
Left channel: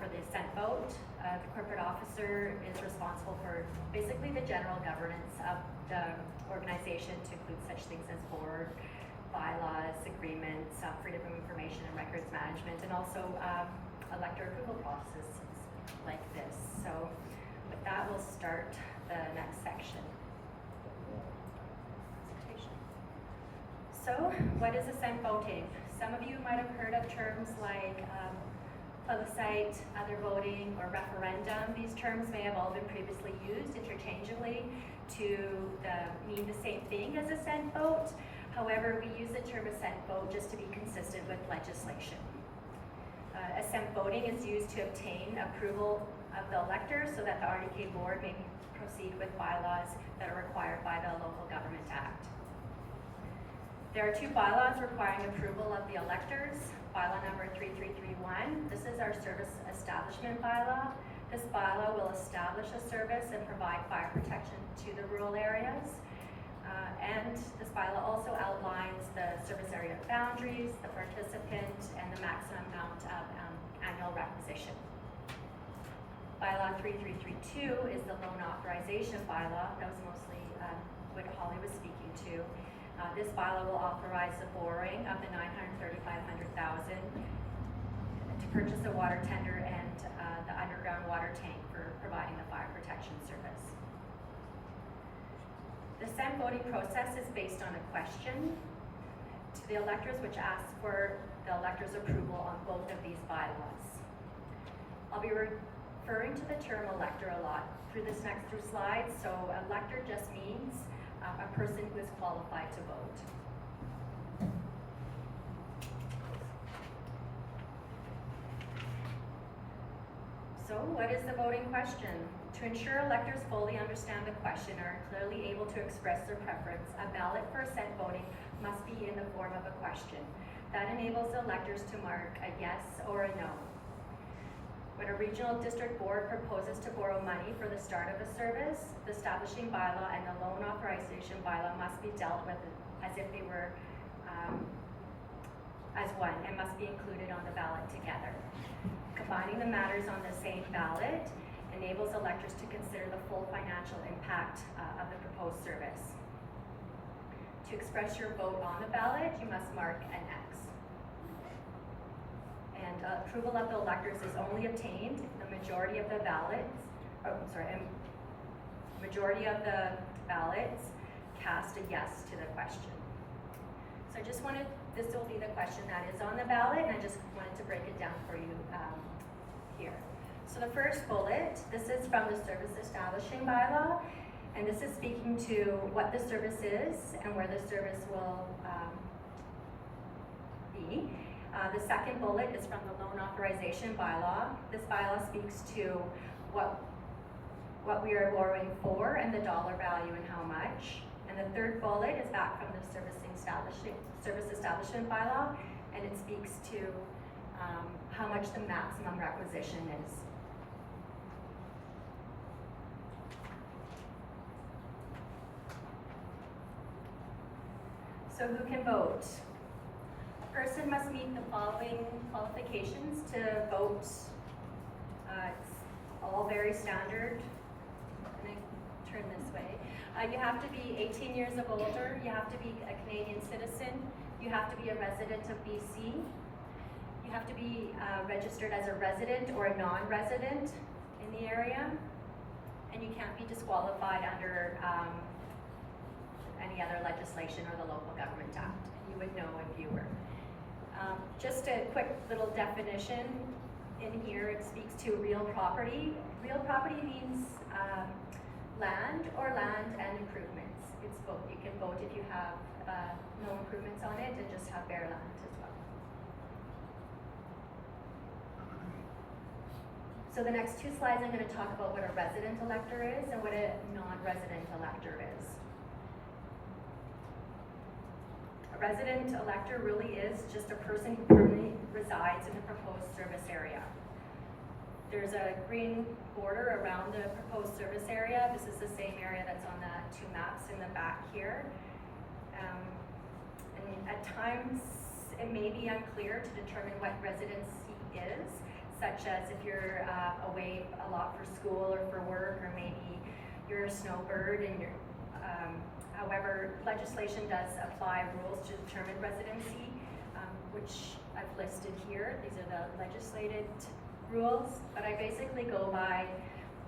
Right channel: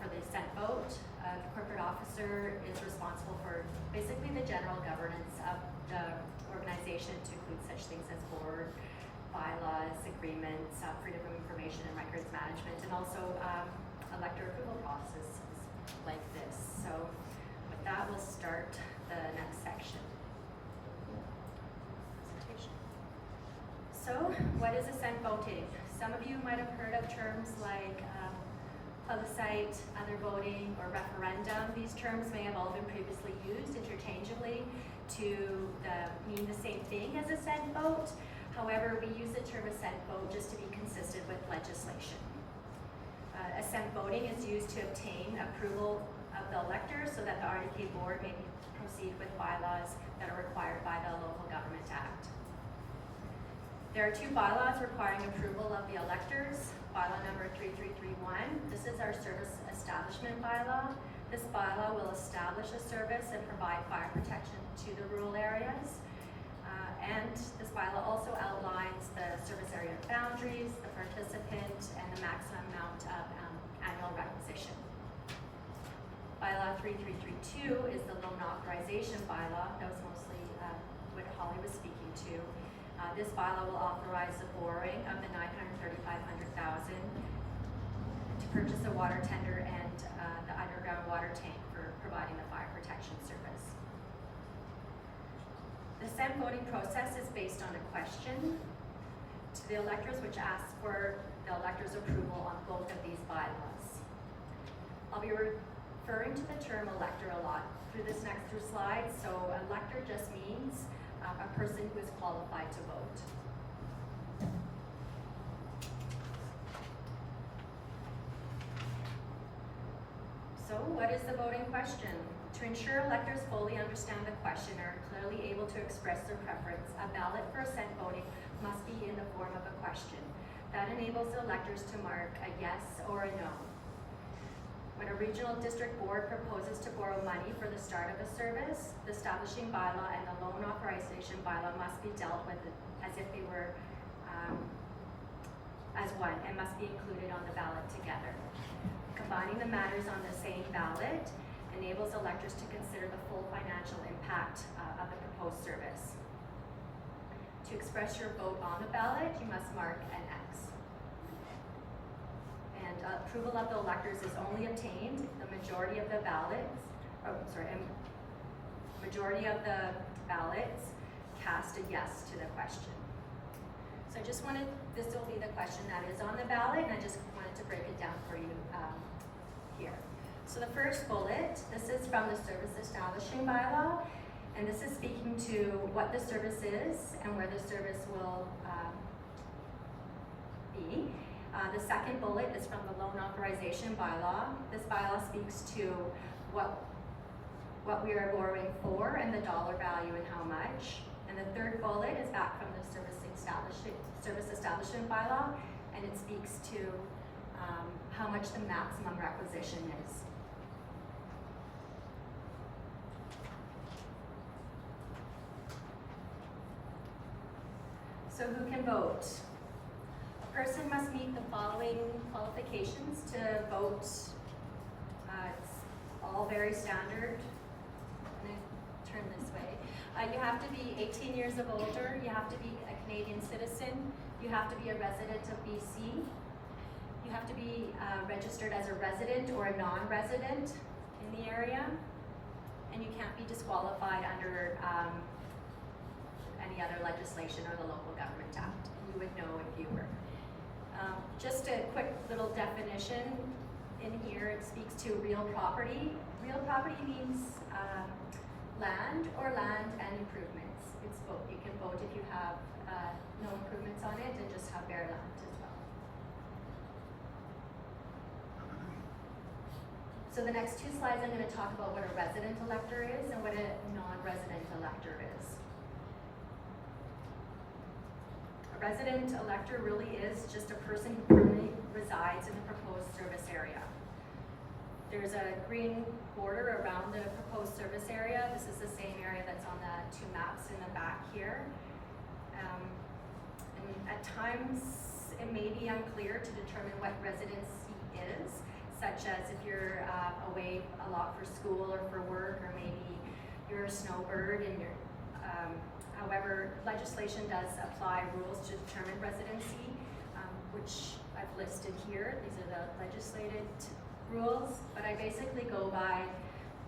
for the Assent vote. The corporate officer is responsible for basically the general governance of the organization, to include such things as board, bylaws, agreements, freedom of information and records management, and also elector approval processes like this. So with that, we'll start the next section. Presentation. So what is Assent voting? Some of you might have heard of terms like plebiscite, other voting, or referendum. These terms may have all been previously used interchangeably to mean the same thing as Assent vote. However, we use the term Assent vote just to be consistent with legislation. Assent voting is used to obtain approval of the electors so that the RDK board may proceed with bylaws that are required by the Local Government Act. There are two bylaws requiring approval of the electors. Bylaw number 3331. This is our service establishment bylaw. This bylaw will establish a service and provide fire protection to the rural areas. And this bylaw also outlines the service area boundaries, the participant, and the maximum amount of annual requisition. Bylaw 3332 is the loan authorization bylaw. That was mostly what Holly was speaking to. This bylaw will authorize the borrowing of the $935,000 to purchase a water tender and the underground water tank for providing the fire protection service. The Assent voting process is based on a question to the electors, which asks for the electors' approval on both of these bylaws. I'll be referring to the term elector a lot through this next few slides. So elector just means a person who is qualified to vote. So what is the voting question? To ensure electors fully understand the question or are clearly able to express their preference, a ballot for Assent voting must be in the form of a question. That enables the electors to mark a yes or a no. When a regional district board proposes to borrow money for the start of a service, the establishing bylaw and the loan authorization bylaw must be dealt with as if they were as one and must be included on the ballot together. Combining the matters on the same ballot enables electors to consider the full financial impact of the proposed service. To express your vote on the ballot, you must mark an X. And approval of the electors is only obtained if the majority of the ballots, majority of the ballots cast a yes to the question. So I just wanted, this will be the question that is on the ballot, and I just wanted to break it down for you here. So the first bullet, this is from the service establishing bylaw, and this is speaking to what the service is and where the service will be. The second bullet is from the loan authorization bylaw. This bylaw speaks to what we are borrowing for and the dollar value and how much. And the third bullet is back from the service establishment bylaw, and it speaks to how much the maximum requisition is. So who can vote? A person must meet the following qualifications to vote. It's all very standard. I'm going to turn this way. You have to be 18 years of older. You have to be a Canadian citizen. You have to be a resident of BC. You have to be registered as a resident or a non-resident in the area. And you can't be disqualified under any other legislation or the Local Government Act. You would know if you were. Just a quick little definition. in here, it speaks to real property. Real property means land or land and improvements. It's both. You can vote if you have no improvements on it and just have bare land as well. So the next two slides, I'm going to talk about what a resident elector is and what a non-resident elector is. A resident elector really is just a person who permanently resides in the proposed service area. There's a green border around the proposed service area. This is the same area that's on the two maps in the back here. And at times, it may be unclear to determine what residency is, such as if you're away a lot for school or for work, or maybe you're a snowbird and you're however, legislation does apply rules to determine residency, which I've listed here. These are the legislated rules, but I basically go by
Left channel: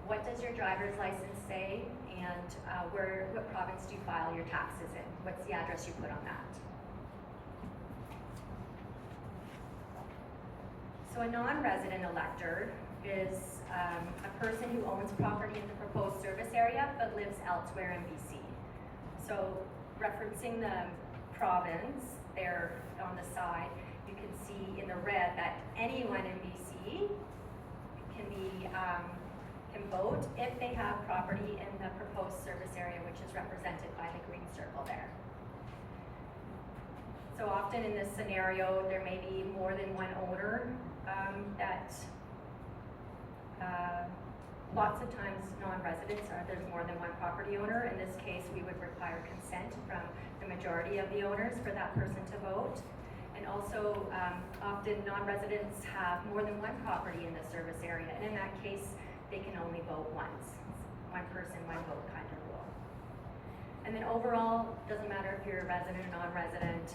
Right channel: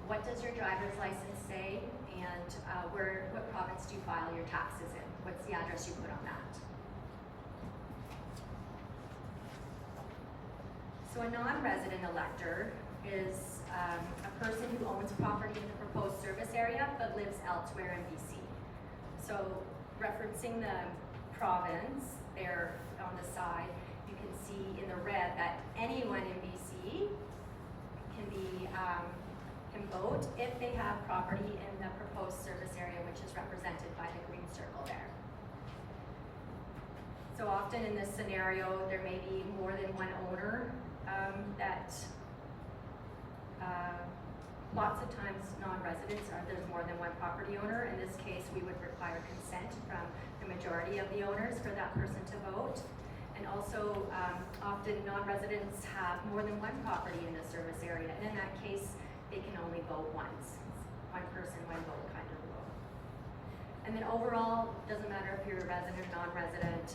what does your driver's license say and what province do you file your taxes in? What's the address you put on that? So a non-resident elector is a person who owns property in the proposed service area but lives elsewhere in BC. So referencing the province there on the side, you can see in the red that anyone in BC can vote if they have property in the proposed service area, which is represented by the green circle there. So often in this scenario, there may be more than one owner lots of times non-residents there's more than one property owner. In this case, we would require consent from the majority of the owners for that person to vote. And also, often non-residents have more than one property in the service area, and in that case, they can only vote once. One person, one vote kind of rule. And then overall, doesn't matter if you're a resident or non-resident,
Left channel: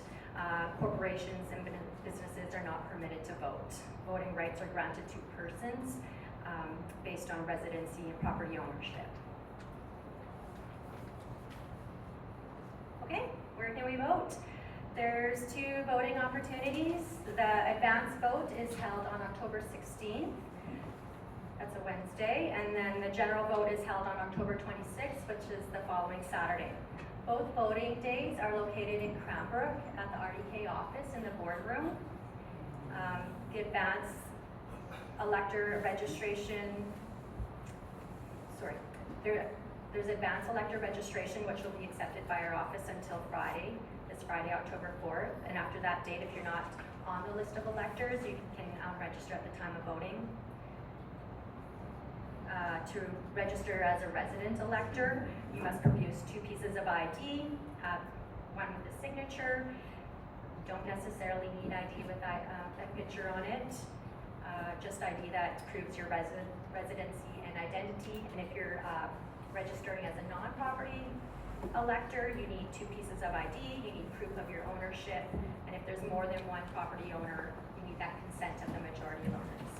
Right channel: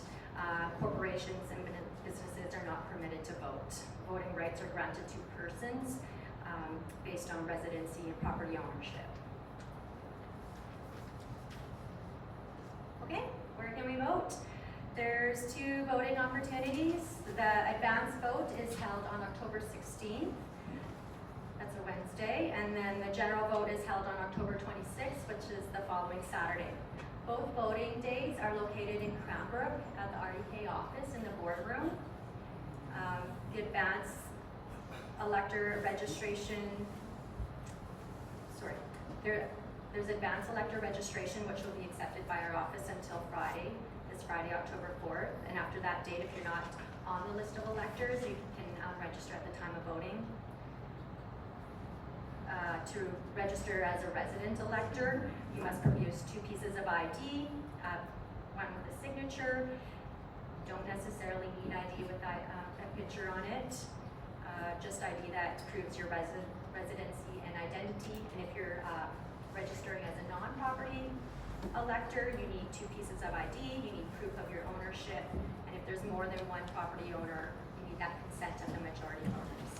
corporations and businesses are not permitted to vote. Voting rights are granted to persons based on residency and property ownership. Okay, where can we vote? There's two voting opportunities. The advance vote is held on October 16th. That's a Wednesday. And then the general vote is held on October 26th, which is the following Saturday. Both voting days are located in Cranbrook at the RDK office in the boardroom. The advance elector registration, there's advance elector registration, which will be accepted by our office until Friday, this Friday, October 4th. And after that date, if you're not on the list of electors, you can register at the time of voting. To register as a resident elector, you must produce 2 pieces of ID, one with a signature. You don't necessarily need ID with that picture on it. Just ID that proves your residency and identity. And if you're registering as a non-property elector, you need 2 pieces of ID, you need proof of your ownership, and if there's more than one property owner, you need that consent of the majority of owners.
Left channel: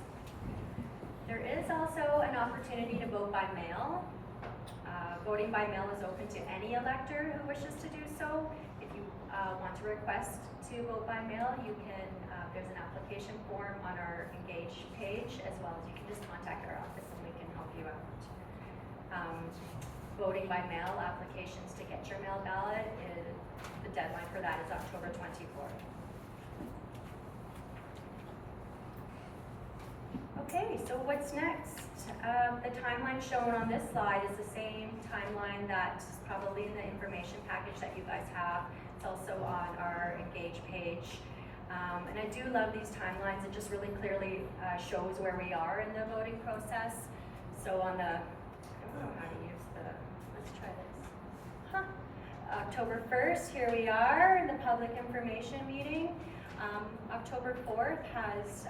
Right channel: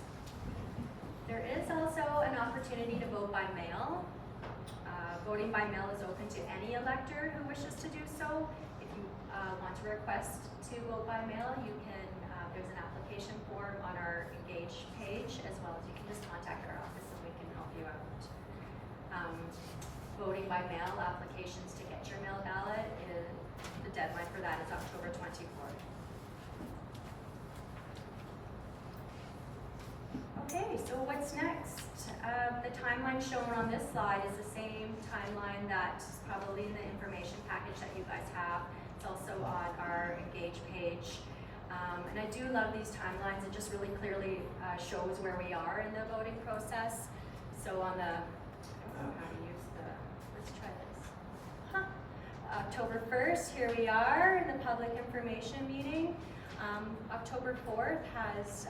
There is also an opportunity to vote by mail. Voting by mail is open to any elector who wishes to do so. If you want to request to vote by mail, you can, there's an application form on our Engage page, as well as you can just contact our office and we can help you out. Voting by mail applications to get your mail ballot, the deadline for that is October 24th. Okay, so what's next? The timeline shown on this slide is the same timeline that's probably in the information package that you guys have. It's also on our Engage page. And I do love these timelines. It just really clearly shows where we are in the voting process. So on the, I don't know how to use the, let's try this. October 1st, here we are in the public information meeting. October 4th has,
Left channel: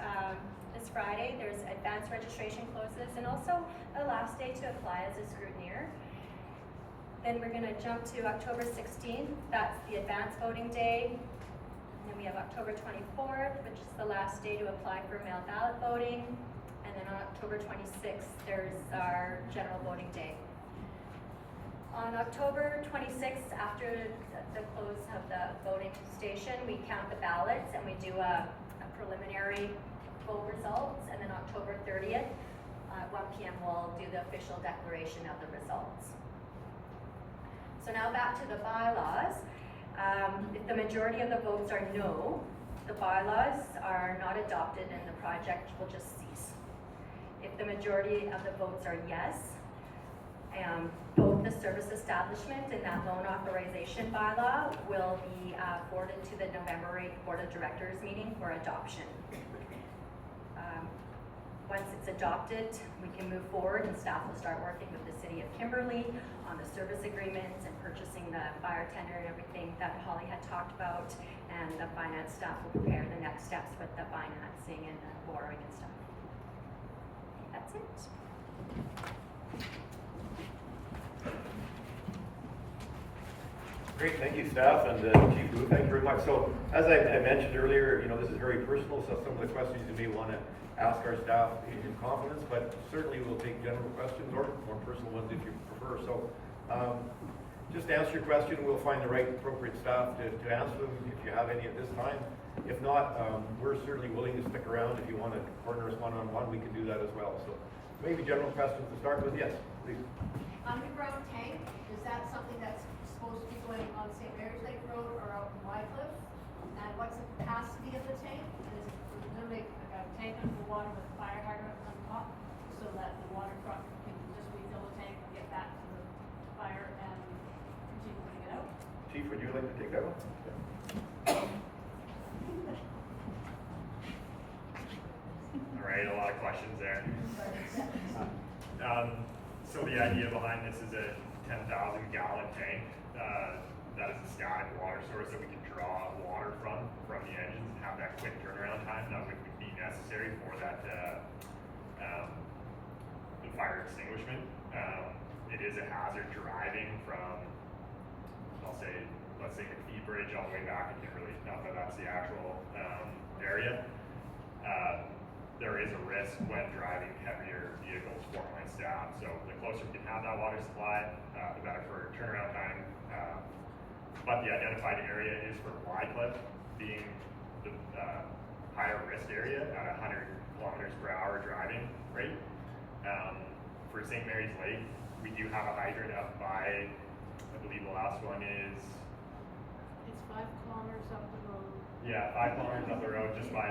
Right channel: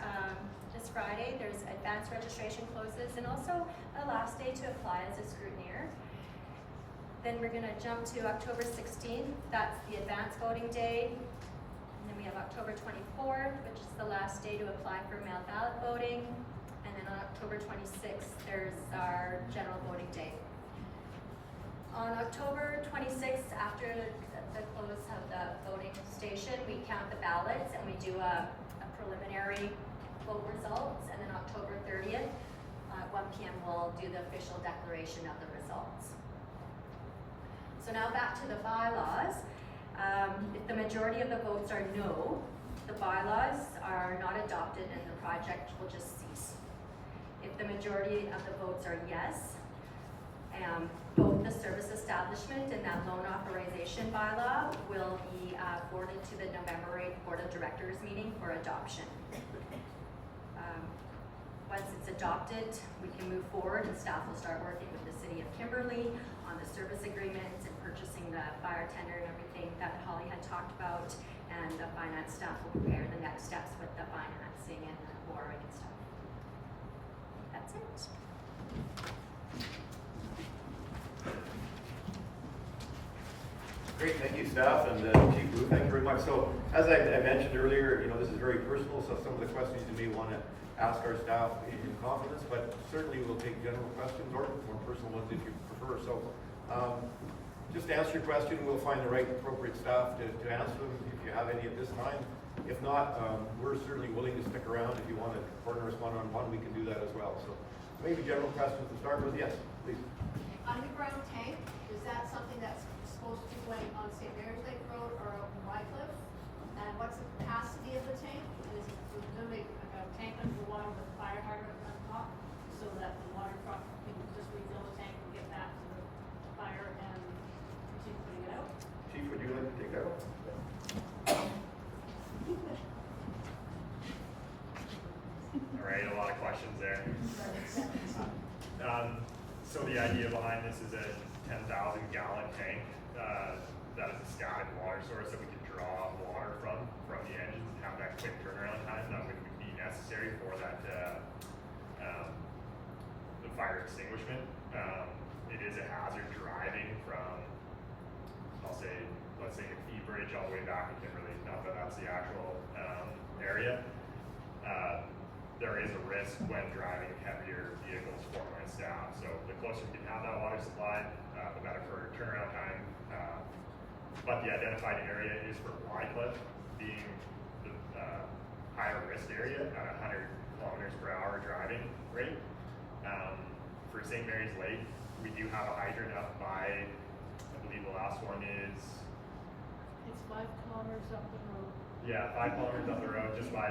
this Friday, there's advanced registration closes and also a last day to apply as a scrutineer. Then we're gonna jump to October 16th, that's the advanced voting day. And then we have October 24th, which is the last day to apply for mail ballot voting. And then on October 26th, there's our general voting day. On October 26th, after the close of the voting station, we count the ballots and we do a preliminary vote results, and then October 30th, at 1 p.m. we'll do the official declaration of the results. So now back to the bylaws. If the majority of the votes are no, the bylaws are not adopted and the project will just cease. If the majority of the votes are yes, both the service establishment and that loan authorization bylaw will be forwarded to the November 8th Board of Directors meeting for adoption. Once it's adopted, we can move forward and staff will start working with the City of Kimberley on the service agreements and purchasing the fire tender and everything that Holly had talked about, and the finance staff will prepare the next steps with the financing and the borrowing and stuff. That's it. Great, thank you, staff, and Chief Blue, thank you very much. So, as I mentioned earlier, this is very personal, so some of the questions you may want to ask our staff in confidence, but certainly we'll take general questions or more personal ones if you prefer. So, just answer your question, we'll find the right appropriate staff to answer them if you have any at this time. If not, we're certainly willing to stick around. If you want to partner us one-on-one, we can do that as well. So, maybe general questions to start with, yes, please. Underground tank, is that something that's supposed to be going on St. Mary's Lake Road or on Wycliffe? And what's the capacity of the tank? Is it presumably a tank underwater with a fire hydrant on top so that the water truck can just refill the tank and get back to the fire and continue putting it out? Chief, would you like to take that one? All right, a lot of questions there. So the idea behind this is a 10,000 gallon tank that is a static water source that we can draw water from the engines and have that quick turnaround time that would be necessary for that the fire extinguishment. It is a hazard driving from, let's say the Key Bridge all the way back to Kimberley. Not that that's the actual area. There is a risk when driving heavier vehicles for my staff. So the closer we can have that water supply, the better for turnaround time. But the identified area is for Wycliffe being the higher risk area at 100 kilometers per hour driving rate. For St. Mary's Lake, we do have a hydrant up by, I believe the last one is, It's 5 kilometers up the road. yeah, 5 kilometers up the road just by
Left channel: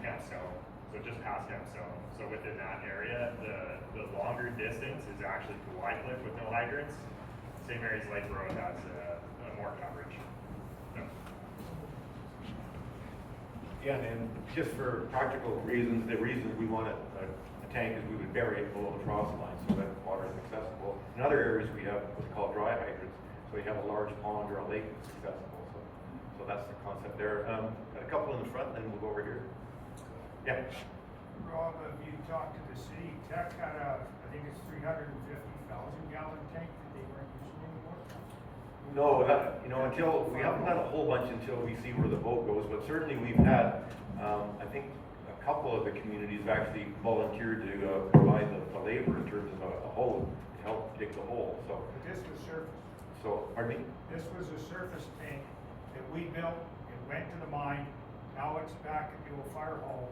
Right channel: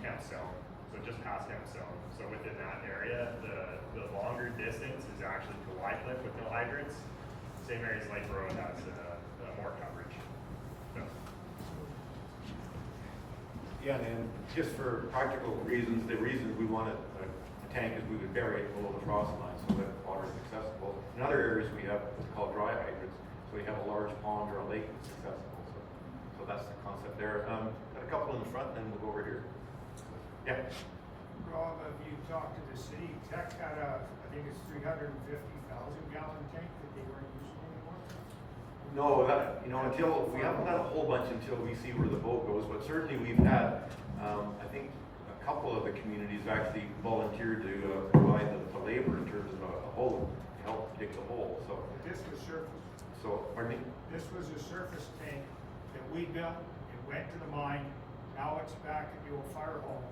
Campstone. So just past Campstone. So within that area, the longer distance is actually to Wycliffe with no hydrants. St. Mary's Lake Road has more coverage. So. Yeah, and just for practical reasons, the reason we want a tank is we would bury it below the frost line so that water is accessible. In other areas, we have what's called dry hydrants, so we have a large pond or a lake that's accessible. So that's the concept there. Got a couple in the front, and then we'll go over here. Yeah. Rob, have you talked to the city? Tech had I think it's 350,000 gallon tank that they weren't using anymore. No, until we haven't had a whole bunch until we see where the boat goes, but certainly we've had, I think, a couple of the communities actually volunteered to provide the labor in terms of a hole to help dig the hole. So, But this was surface. so pardon me. This was a surface tank that we built. It went to the mine. Now it's back at the old fire hall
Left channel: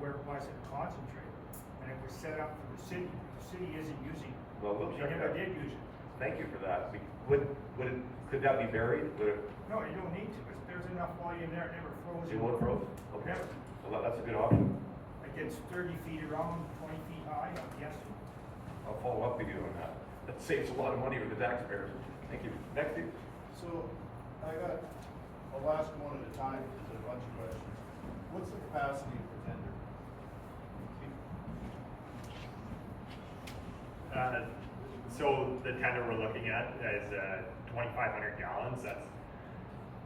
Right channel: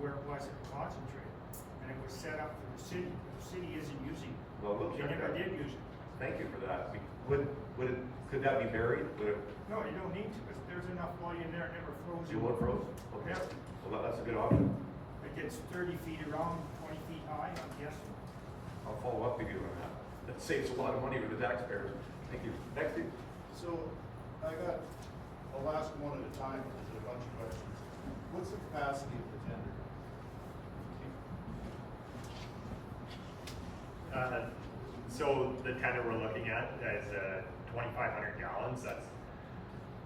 where it was at the concentrator. And it was set up for the city. The city isn't using it. Well, we'll They check never that. did use it. Thank you for that. Could that be buried? Would it, No, you don't need to, because there's enough volume there, it never froze. it won't froze? Okay. Yeah. Well, that's a good option. It gets 30 feet around, 20 feet high, I'm guessing. I'll follow up with you on that. That saves a lot of money for the taxpayers. Thank you. Next, Steve. So, I'll ask one at a time because there are a bunch of questions. What's the capacity of the tender? So the tender we're looking at is 2,500 gallons. That's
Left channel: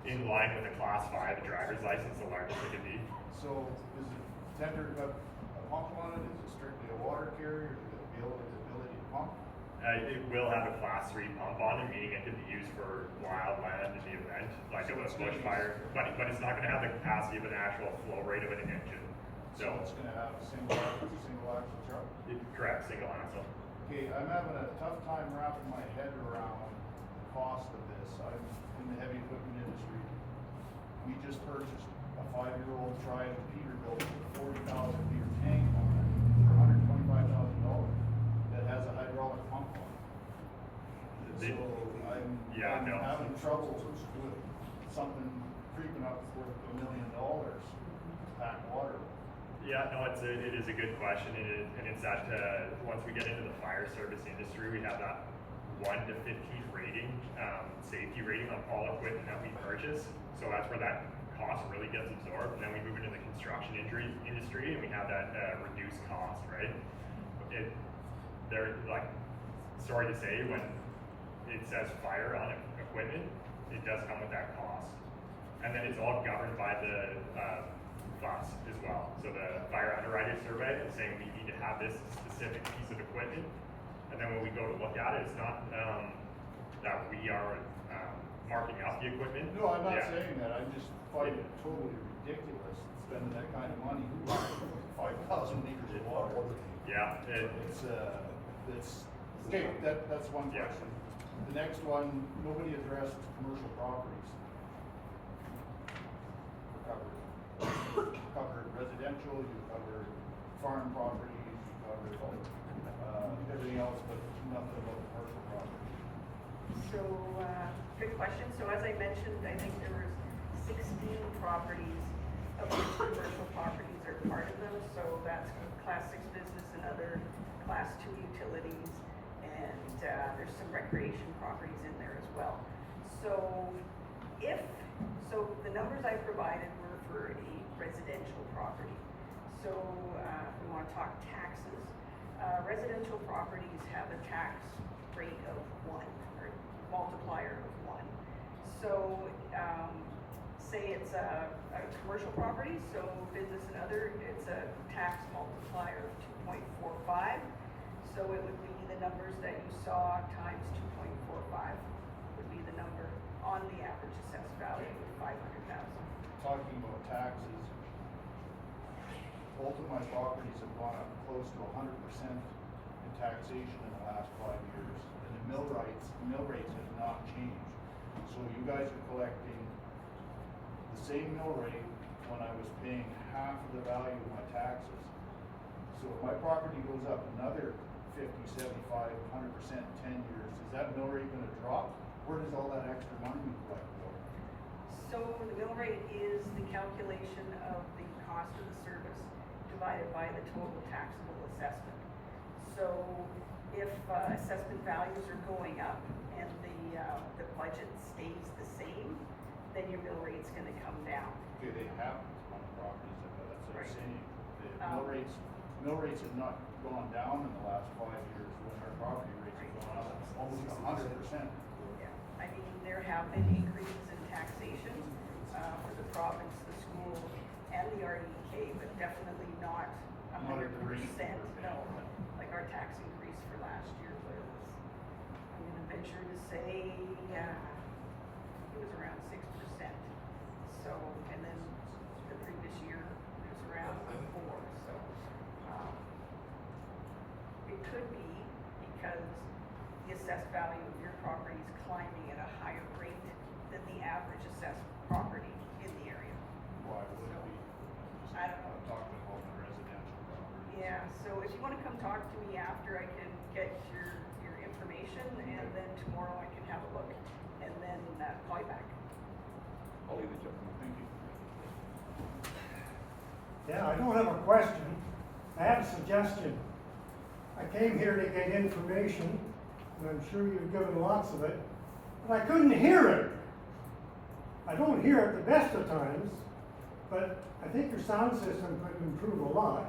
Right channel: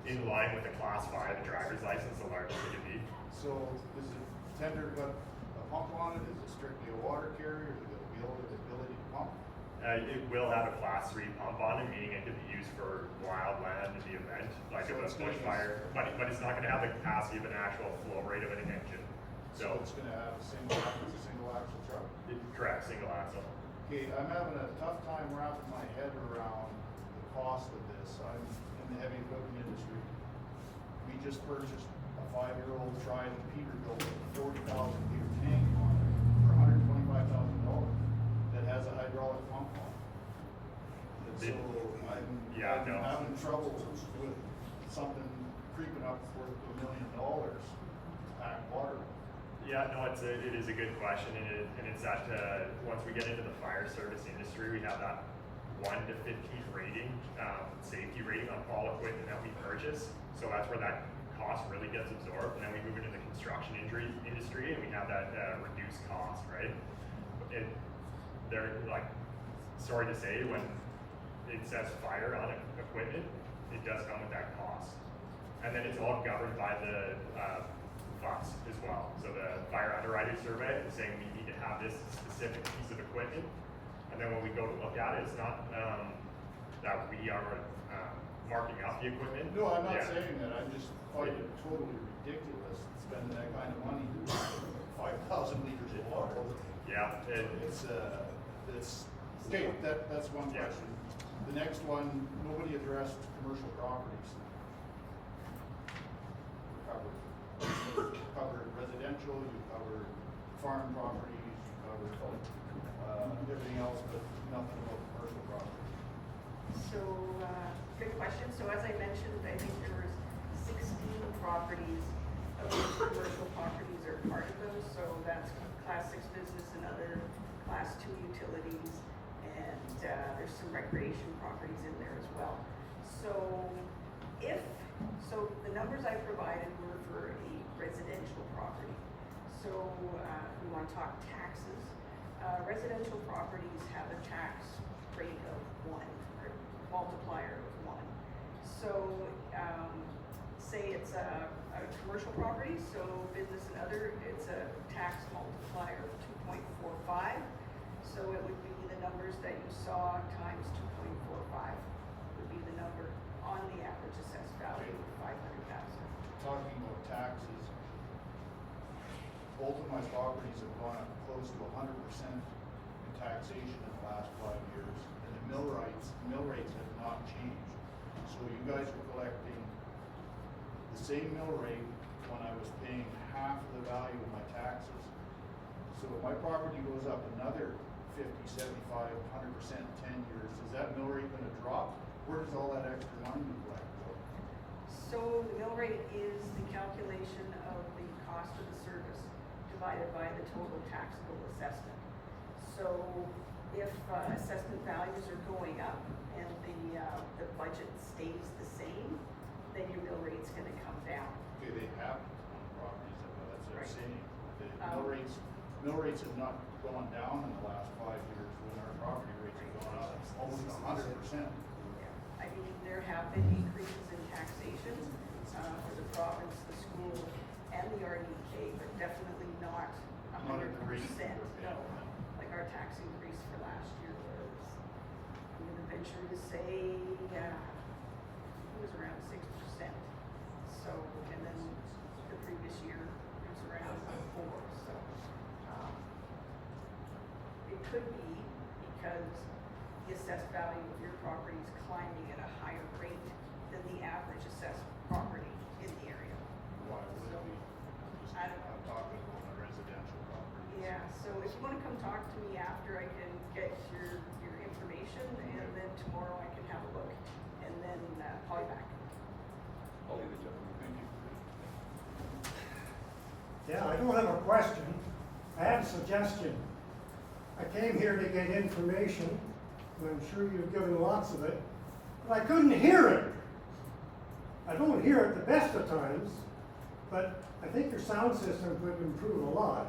in line with the Class 5 driver's license, the largest it could be. So, is the tender got a pump on it? Is it strictly a water carrier? Does it have the ability to pump? It will have a Class 3 pump on it, meaning it could be used for wild land in the event, like So of a it's gonna be- bushfire. But it's not going to have the capacity of an actual flow rate of an engine. So it's gonna have a single axle truck? Correct, single axle. Okay, I'm having a tough time wrapping my head around the cost of this. I'm in the heavy equipment industry. We just purchased a 5-year-old Triumph Peterbilt for $40,000. no. having troubles with something creeping up worth $1 million to pack water. Yeah, no, it is a good question, and it's that once we get into the fire service industry, we have that 1 to 15 rating, safety rating on all equipment that we purchase. So that's where that cost really gets absorbed, and then we move into the construction industry, and we have that reduced cost, right? They're like, sorry to say, when it says fire on equipment, it does come with that cost, and then it's all governed by the funds as well. So the fire underwriter survey is saying we need to have this specific piece of equipment, and then when we go to look at it, it's not that we are marking up the equipment. No, I'm not Yeah. saying that, I just find it totally ridiculous spending that kind of money for 5,000 liters of water. Yeah, It's, okay, that's one Yeah. question. The next one, nobody addressed commercial properties. You covered residential, you covered farm properties, you covered, everything else, but nothing about commercial property. So, good question. So as I mentioned, I think there was 16 properties, of which commercial properties are part of them. So that's class 6 business and other class 2 utilities, and there's some recreation properties in there as well. So the numbers I provided were for a residential property. So we want to talk taxes. Residential properties have a tax rate of 1, or multiplier of 1. So say it's a commercial property, so business and other, it's a tax multiplier of 2.45. So it would be the numbers that you saw times 2.45 would be the number on the average assessed value of 500,000. Talking about taxes, both of my properties have gone up close to 100% in taxation in the last 5 years, and the mill rates have not changed. So you guys are collecting the same mill rate when I was paying half the value of my taxes. So if my property goes up another 50, 75, 100% in 10 years, is that mill rate gonna drop? Where does all that extra money go? So the mill rate is the calculation of the cost of the service divided by the total taxable assessment. So if assessment values are going up and the budget stays the same, then your mill rate's gonna come down. Okay, they have on the properties, that's what I'm Right. saying. The mill rates have not gone down in the last 5 years, when our property rates have gone up almost 100%. Yeah, I mean, there have been increases in taxation for the province, the school, and the RDK, but definitely not 100%. No, like our tax increase for last year was, I'm gonna venture to say, it was around 6%. So, and then the previous year, it was around 4%. So, it could be because the assessed value of your property is climbing at a higher rate than the average assessed property in the area. Why would it be? I don't know. I'm talking about my residential property. Yeah, so if you wanna come talk to me after, I can get your information, and then tomorrow I can have a look, and then call you back. I'll leave it there. Thank you. Yeah, I don't have a question. I have a suggestion. I came here to get information, and I'm sure you've given lots of it, but I couldn't hear it. I don't hear it the best of times, but I think your sound system could improve a lot.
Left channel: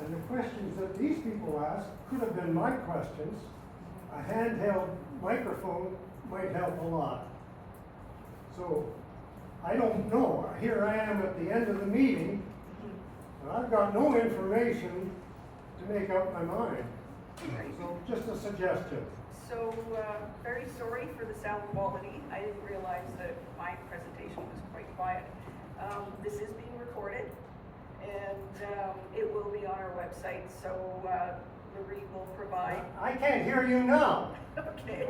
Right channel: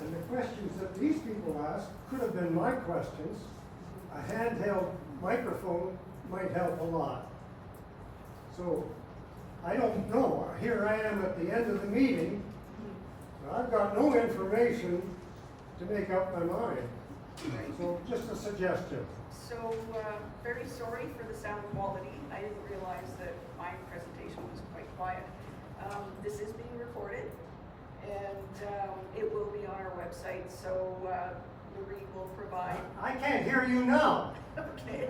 And the questions that these people asked could have been my questions. A handheld microphone might help a lot. So, I don't know. Here I am at the end of the meeting, and I've got no information to make up my mind. So, just a suggestion. So, very sorry for the sound quality. I didn't realize that my presentation was quite quiet. This is being recorded, and it will be on our website, so Marie will provide. I can't hear you now. Okay.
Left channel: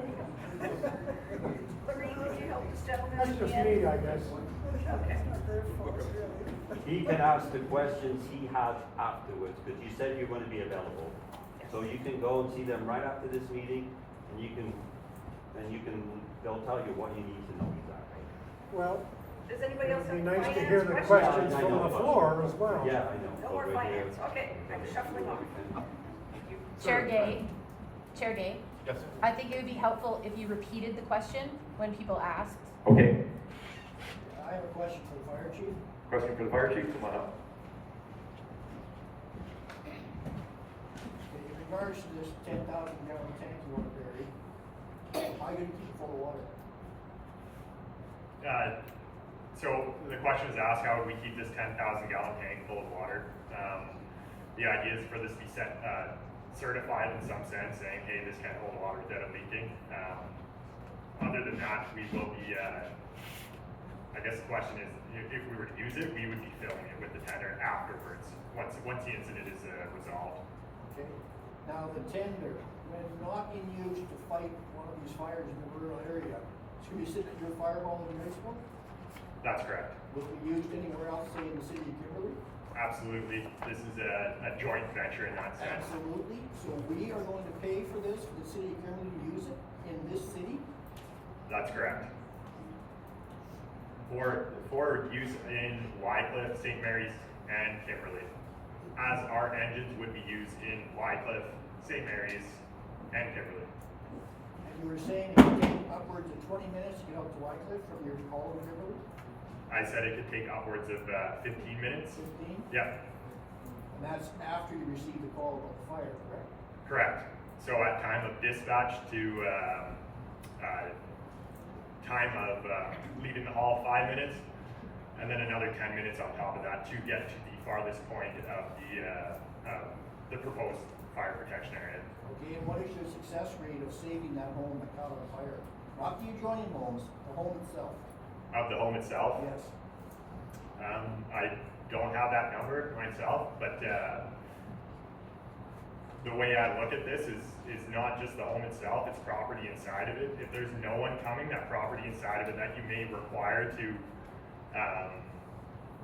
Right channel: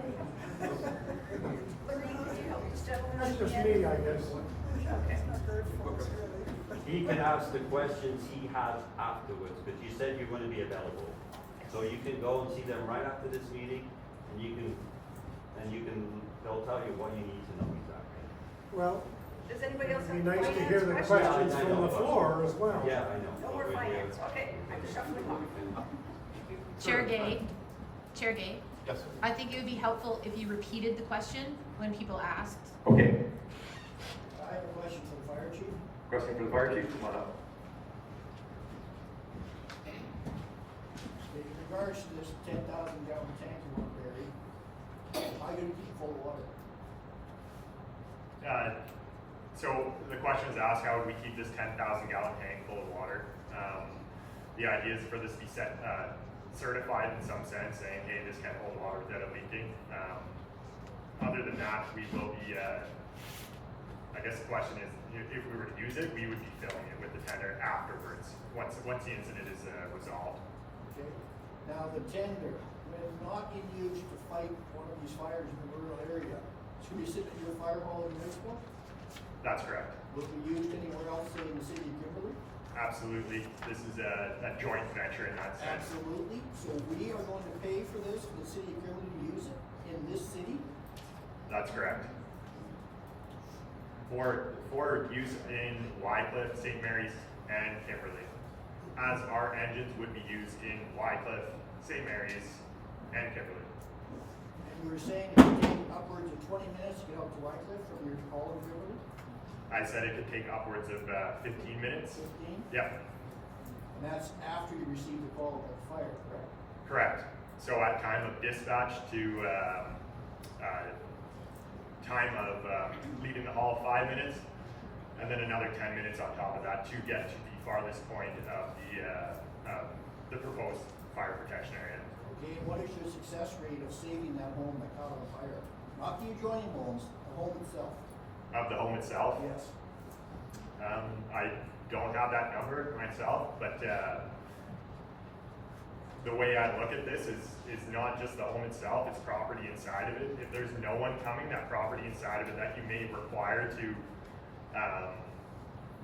Marie, could you help this gentleman? That's just again? me, I guess. Okay. He can ask the questions he has afterwards, because you said you're going to be available. So you can go and see them right after this meeting, and you can they'll tell you what you need to do exactly. Well, Does anybody else it'd have be nice to finance hear the questions? questions I from know. the floor as well. Yeah, I know. No more But, finance, okay, I'm shuffling on. Chair Gay, Chair Gay, Yes. I think it would be helpful if you repeated the question when people asked. Okay, I have a question for the fire chief. question for the fire chief, come on up. In regards to this 10,000-gallon tank you want to bury, how do you keep it full of water? So the question is asked, how would we keep this 10,000-gallon tank full of water? The idea is for this to be certified in some sense, saying, hey, this can hold water without it leaking. Other than that, we will be, I guess the question is, if we were to use it, we would be filling it with the tender afterwards, once the incident is resolved. Okay, now the tender, when not in use to fight one of these fires in the rural area, should we sit at your fire hall in Racewell? That's correct. Would be used anywhere else, say in the city of Kimberley? Absolutely. This is a joint venture in that sense. Absolutely, so we are going to pay for this, for the city of Kimberley to use it in this city? That's correct. For use in Wycliffe, St. Mary's, and Kimberley, as our engines would be used in Wycliffe, St. Mary's, and Kimberley. And you were saying it would take upwards of 20 minutes to get up to Wycliffe from your call in Kimberley? I said it could take upwards of 15 minutes. 15? Yep, And that's after you receive the call about the fire, correct? correct. So at time of dispatch to time of leaving the hall, 5 minutes, and then another 10 minutes on top of that to get to the farthest point of the proposed fire protection area. Okay, and what is your success rate of saving that home that caught on fire? Not the adjoining homes, the home itself. Of the home itself? Yes. I don't have that number myself, but the way I look at this is not just the home itself, it's property inside of it. If there's no one coming, that property inside of it that you may require to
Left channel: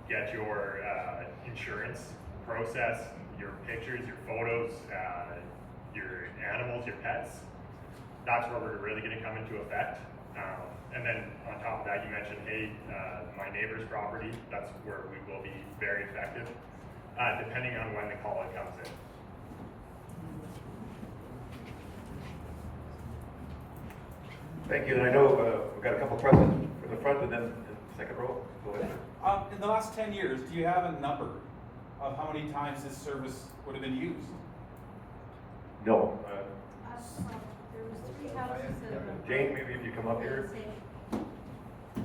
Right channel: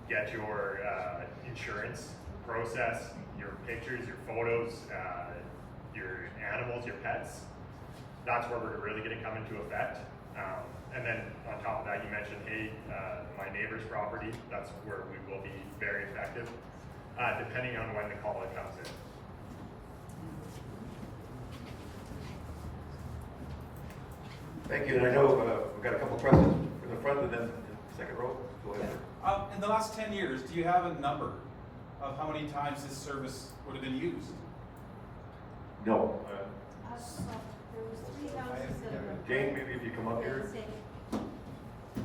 get your insurance process, your pictures, your photos, your animals, your pets, that's where we're really gonna come into effect. And then on top of that, you mentioned, hey, my neighbor's property, that's where we will be very effective, depending on when the call comes in. Thank you, and I know we've got a couple questions from the front and then the second row. Go ahead. In the last 10 years, do you have a number of how many times this service would have been used? No. There was 3 houses that have. Jane, maybe if you come up here.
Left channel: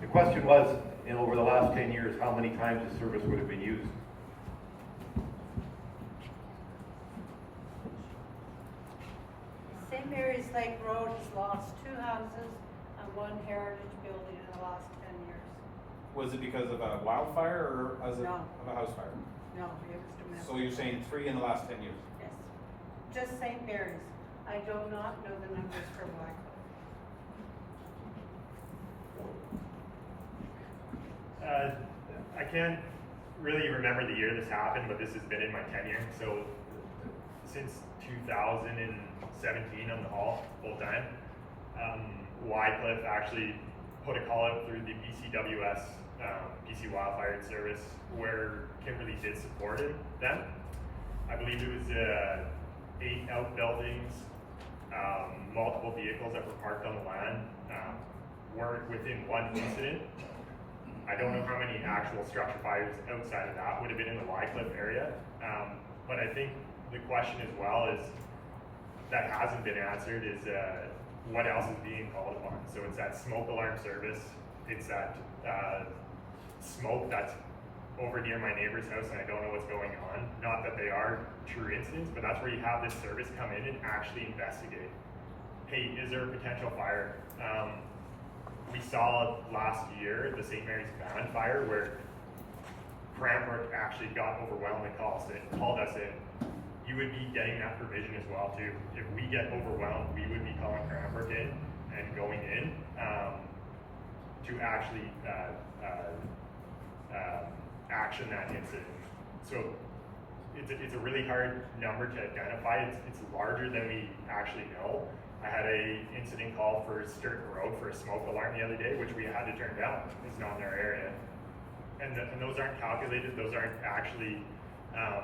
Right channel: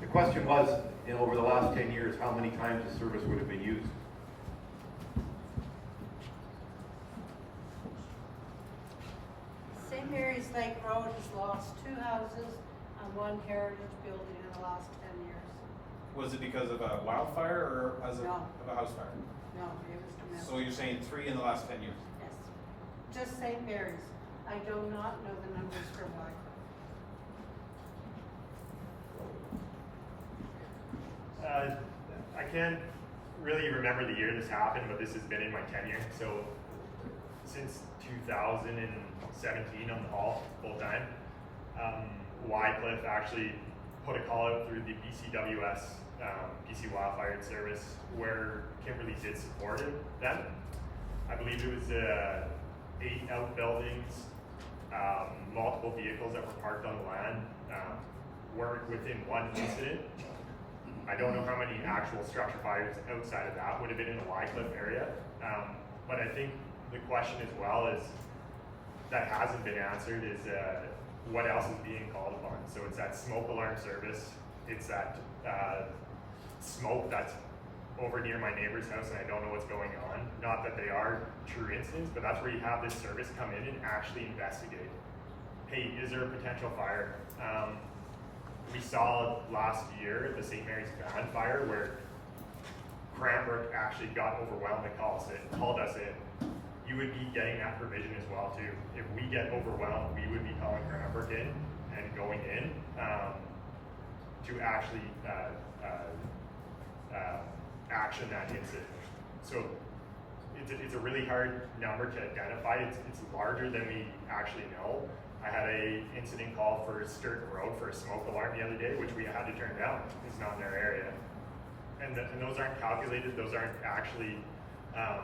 The question was, over the last 10 years, how many times the service would have been used? St. Mary's Lake Road has lost 2 houses and 1 heritage building in the last 10 years. Was it because of a wildfire or as No. of a house fire? No, it was domestic. So you're saying 3 in the last 10 years? Yes. Just St. Mary's. I do not know the numbers for Wycliffe. I can't really remember the year this happened, but this has been in my tenure. So since 2017 on the hall full time, Wycliffe actually put a call out through the BCWS, BC Wildfire Service, where Kimberley did support them. I believe it was 8 outbuildings, multiple vehicles that were parked on the land, weren't within one incident. I don't know how many actual structure fires outside of that would have been in the Wycliffe area, but I think the question as well is, that hasn't been answered, is what else is being called upon. So it's that smoke alarm service, it's that smoke that's over near my neighbor's house and I don't know what's going on. Not that they are true incidents, but that's where you have this service come in and actually investigate. Hey, is there a potential fire? We saw last year the St. Mary's van fire where Cranbrook actually got overwhelmed and called us in. You would be getting that provision as well too. If we get overwhelmed, we would be calling Cranbrook in and going in to actually action that incident. So it's a really hard number to identify. It's larger than we actually know. I had a incident call for Sturton Road for a smoke alarm the other day, which we had to turn down. It's not in their area. And those aren't calculated, those aren't actually, I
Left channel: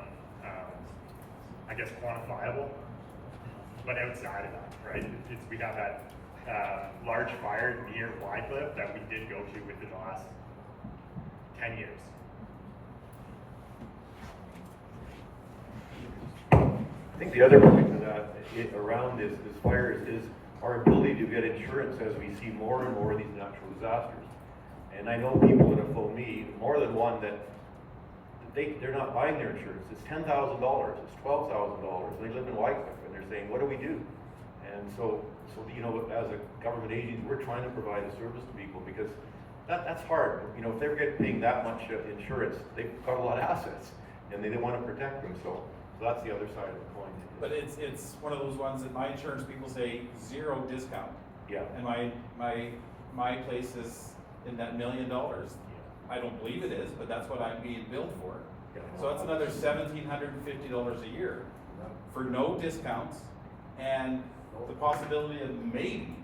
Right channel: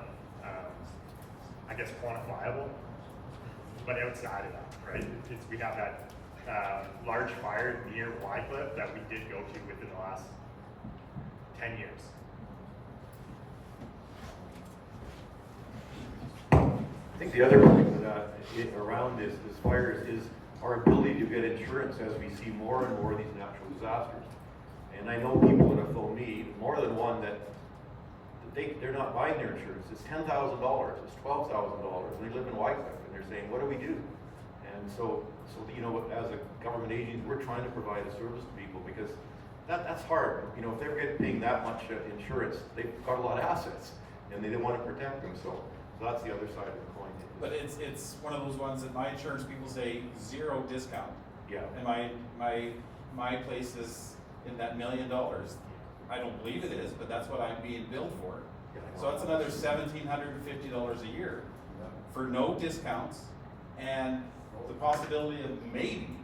guess, quantifiable. But outside of that, right, we have that large fire near Wycliffe that we did go to within the last 10 years. I think the other point to that around this fires is our ability to get insurance as we see more and more of these natural disasters. And I know people that have phoned me, more than one, that they're not buying their insurance. It's $10,000, it's $12,000. They live in Wycliffe and they're saying, what do we do? And so you know, as a government agency, we're trying to provide a service to people because that's hard. You know, if they're paying that much insurance, they've got a lot of assets and they want to protect them. So that's the other side of the coin. But it's one of those ones that my insurance people say 0 discount. Yeah. And my place is in that $1 million. I don't believe it is, but that's what I'm being billed for. Yeah, So that's another $1,750 a year for no discounts and the possibility of maybe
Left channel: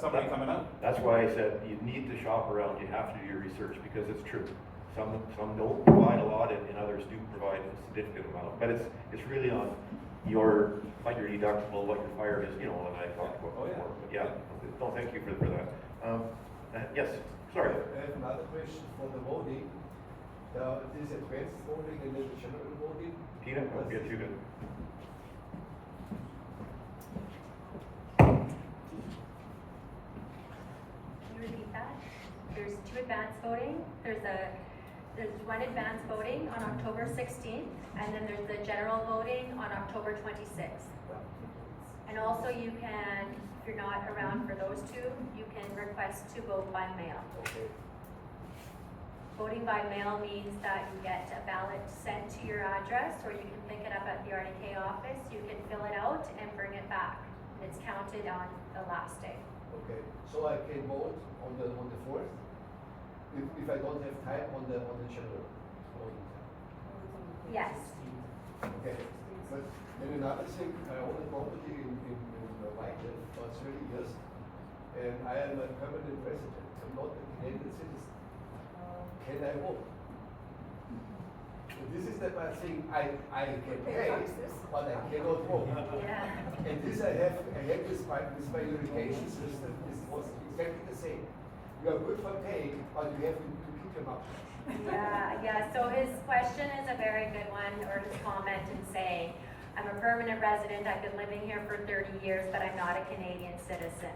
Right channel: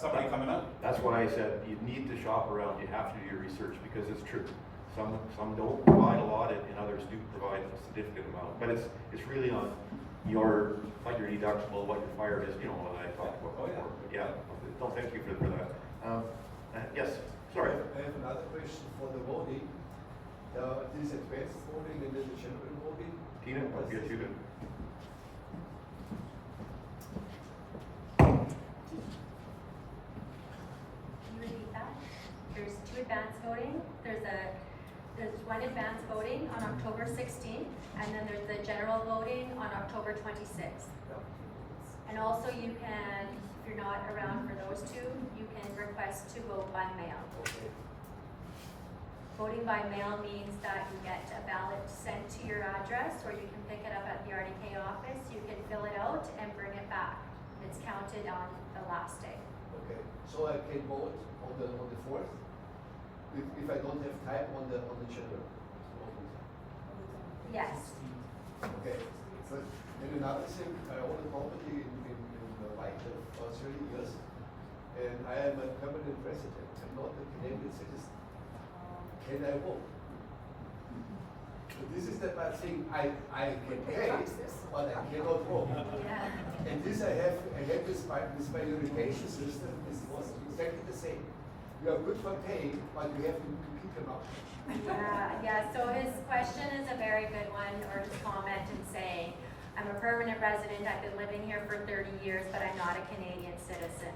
somebody coming out. That's why I said you need to shop around. You have to do your research because it's true. Some don't provide a lot, and others do provide a significant amount. But it's really on what your deductible, what your fire is. You know what I talked about before. But yeah. No, thank you for that. Yes. Sorry. I have another question for the voting. This advanced voting and then the general voting. Tina, I'll get you to. Can you repeat that? There's 2 advanced voting. There's one advanced voting on October 16th, and then there's the general voting on October 26th. And also you can, if you're not around for those 2, you can request to vote by mail. Okay. Voting by mail means that you get a ballot sent to your address, or you can pick it up at the RDK office. You can fill it out and bring it back. It's counted on the last day. Okay. So I can vote on the 4th if I don't have time on the general voting. Yes. Okay. But then another thing, I own a property in Wycliffe for 30 years, and I am a permanent resident. I'm not a Canadian citizen. Can I vote? So this is the thing. I can pay, but I cannot vote. Yeah. And this I have this my irrigation system was exactly the same. You are good for paying, but you have to keep them up. Yeah, so his question is a very good one, or his comment in saying, I'm a permanent resident, I've been living here for 30 years, but I'm not a Canadian citizen.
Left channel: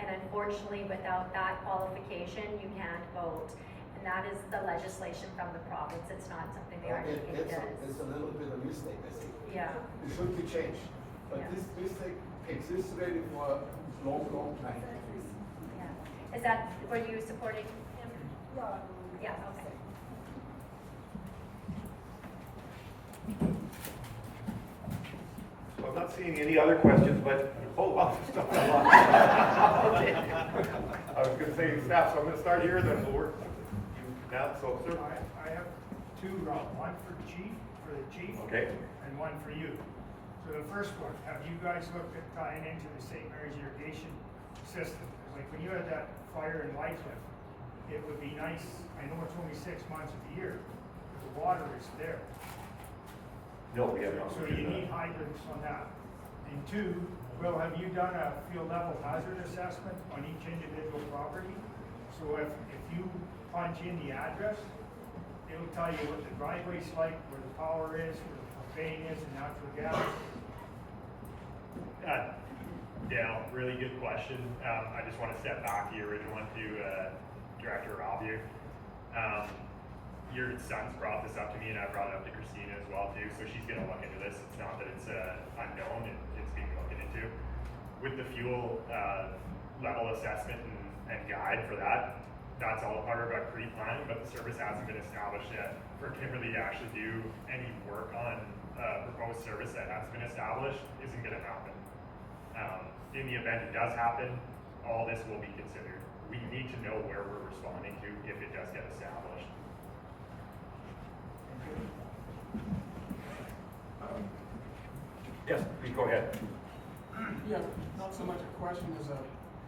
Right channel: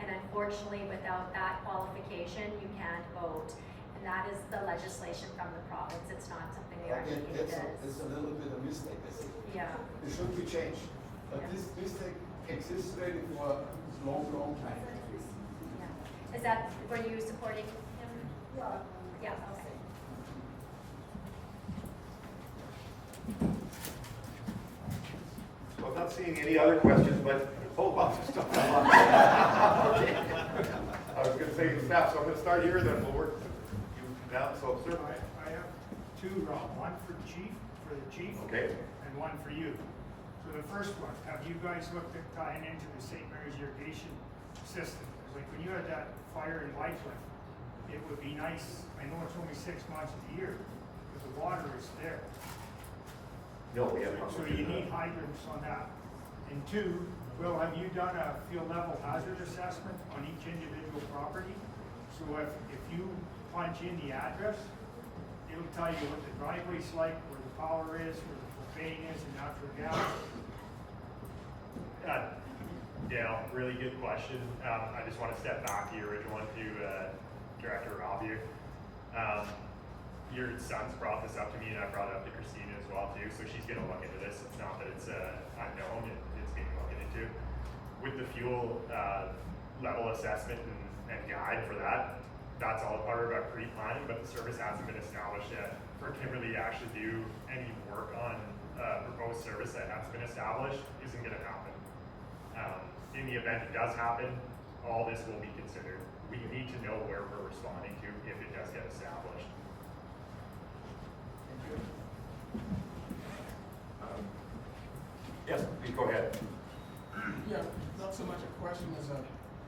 And unfortunately, without that qualification, you can't vote. And that is the legislation from the province. It's not something the RDK does. It's a little bit of a mistake, I think. Yeah. It should be changed. Yeah. This thing exists already for a long time. Yeah. Is that, were you supporting him? Yeah, okay. So I'm not seeing any other questions, but lots of stuff. Okay. I was going to say staff, so I'm going to start here, then we'll work down. So, sir. I have 2, one for the chief, Okay. and one for you. So the first one, have you guys looked at tying into the St. Mary's irrigation system? Because like when you had that fire in Wycliffe, it would be nice, I know it's only 6 months of the year, but the water is there. No, we have not. So you need hydrants on that. And 2, Will, have you done a field level hazard assessment on each individual property? So if you punch in the address, it'll tell you what the driveway's like, where the power is, where the propane is, and natural gas. Dale, really good question. I just want to step back to the original one to Director Rob here. Your son's brought this up to me, and I brought it up to Christina as well too. So she's going to look into this. It's not that it's unknown; it's being looked into. With the fuel level assessment and guide for that, that's all part of our pre-planning. But the service hasn't been established yet. For Kimberley to actually do any work on proposed service that hasn't been established isn't going to happen. In the event it does happen, all this will be considered. We need to know where we're responding to if it does get established. Yes, please go ahead. Yeah, not so much a question as a,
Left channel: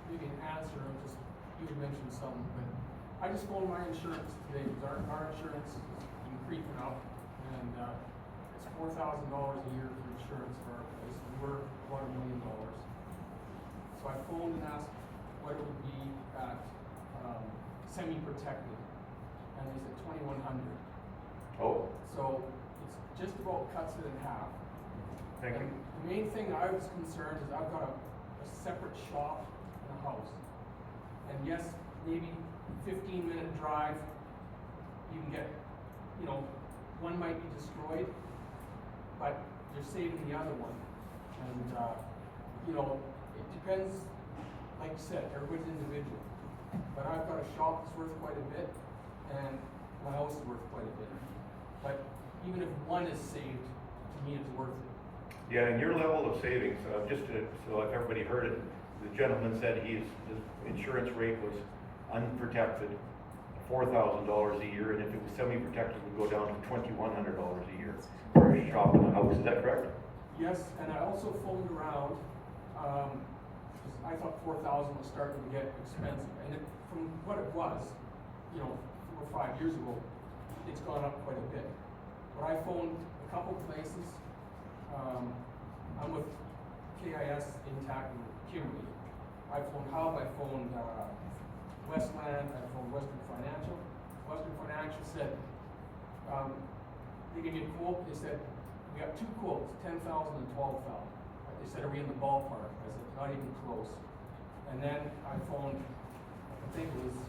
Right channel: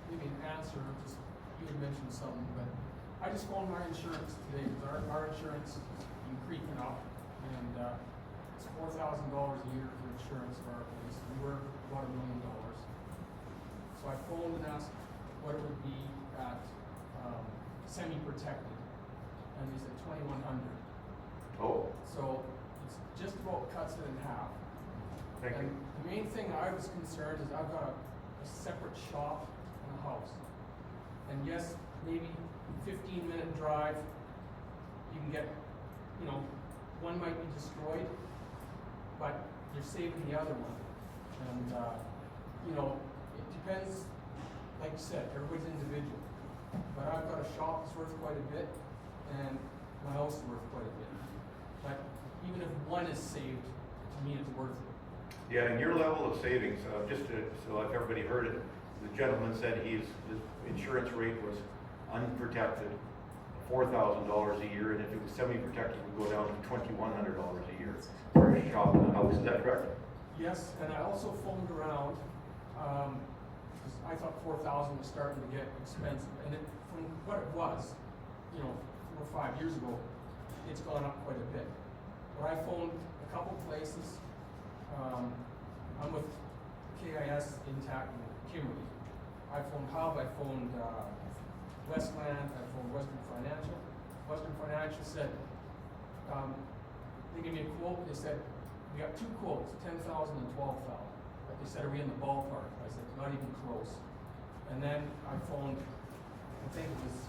maybe an answer, of just, you had mentioned something, but I just phoned my insurance today, because our insurance has been creeping up, and, it's $4,000 a year for insurance for our place, and we're about $1 million. So I phoned and asked what it would be at, semi-protected, and they said 2,100. Oh, So it's just about cuts it in half. thank you. And the main thing I was concerned is I've got a separate shop and a house. And yes, maybe 15-minute drive, you can get, you know, one might be destroyed, but you're saving the other one. And, you know, it depends, like you said, everybody's individual. But I've got a shop that's worth quite a bit, and my house is worth quite a bit. But even if one is saved, to me it's worth it. Yeah, and your level of savings, just to, so if everybody heard it, the gentleman said his insurance rate was unprotected, $4,000 a year, and if it was semi-protected, it would go down to $2,100 a year for a shop and a house. Is that correct? Yes, and I also phoned around, because I thought 4,000 was starting to get expensive, and from what it was, you know, 4 or 5 years ago, it's gone up quite a bit. But I phoned a couple places. I'm with KIS Intact in Kimberley. I phoned Hub, I phoned Westland, I phoned Western Financial. Western Financial said, they gave me a quote, they said, we got two quotes, 10,000 and 12,000. But they said, are we in the ballpark? I said, not even close. And then I phoned, I think it was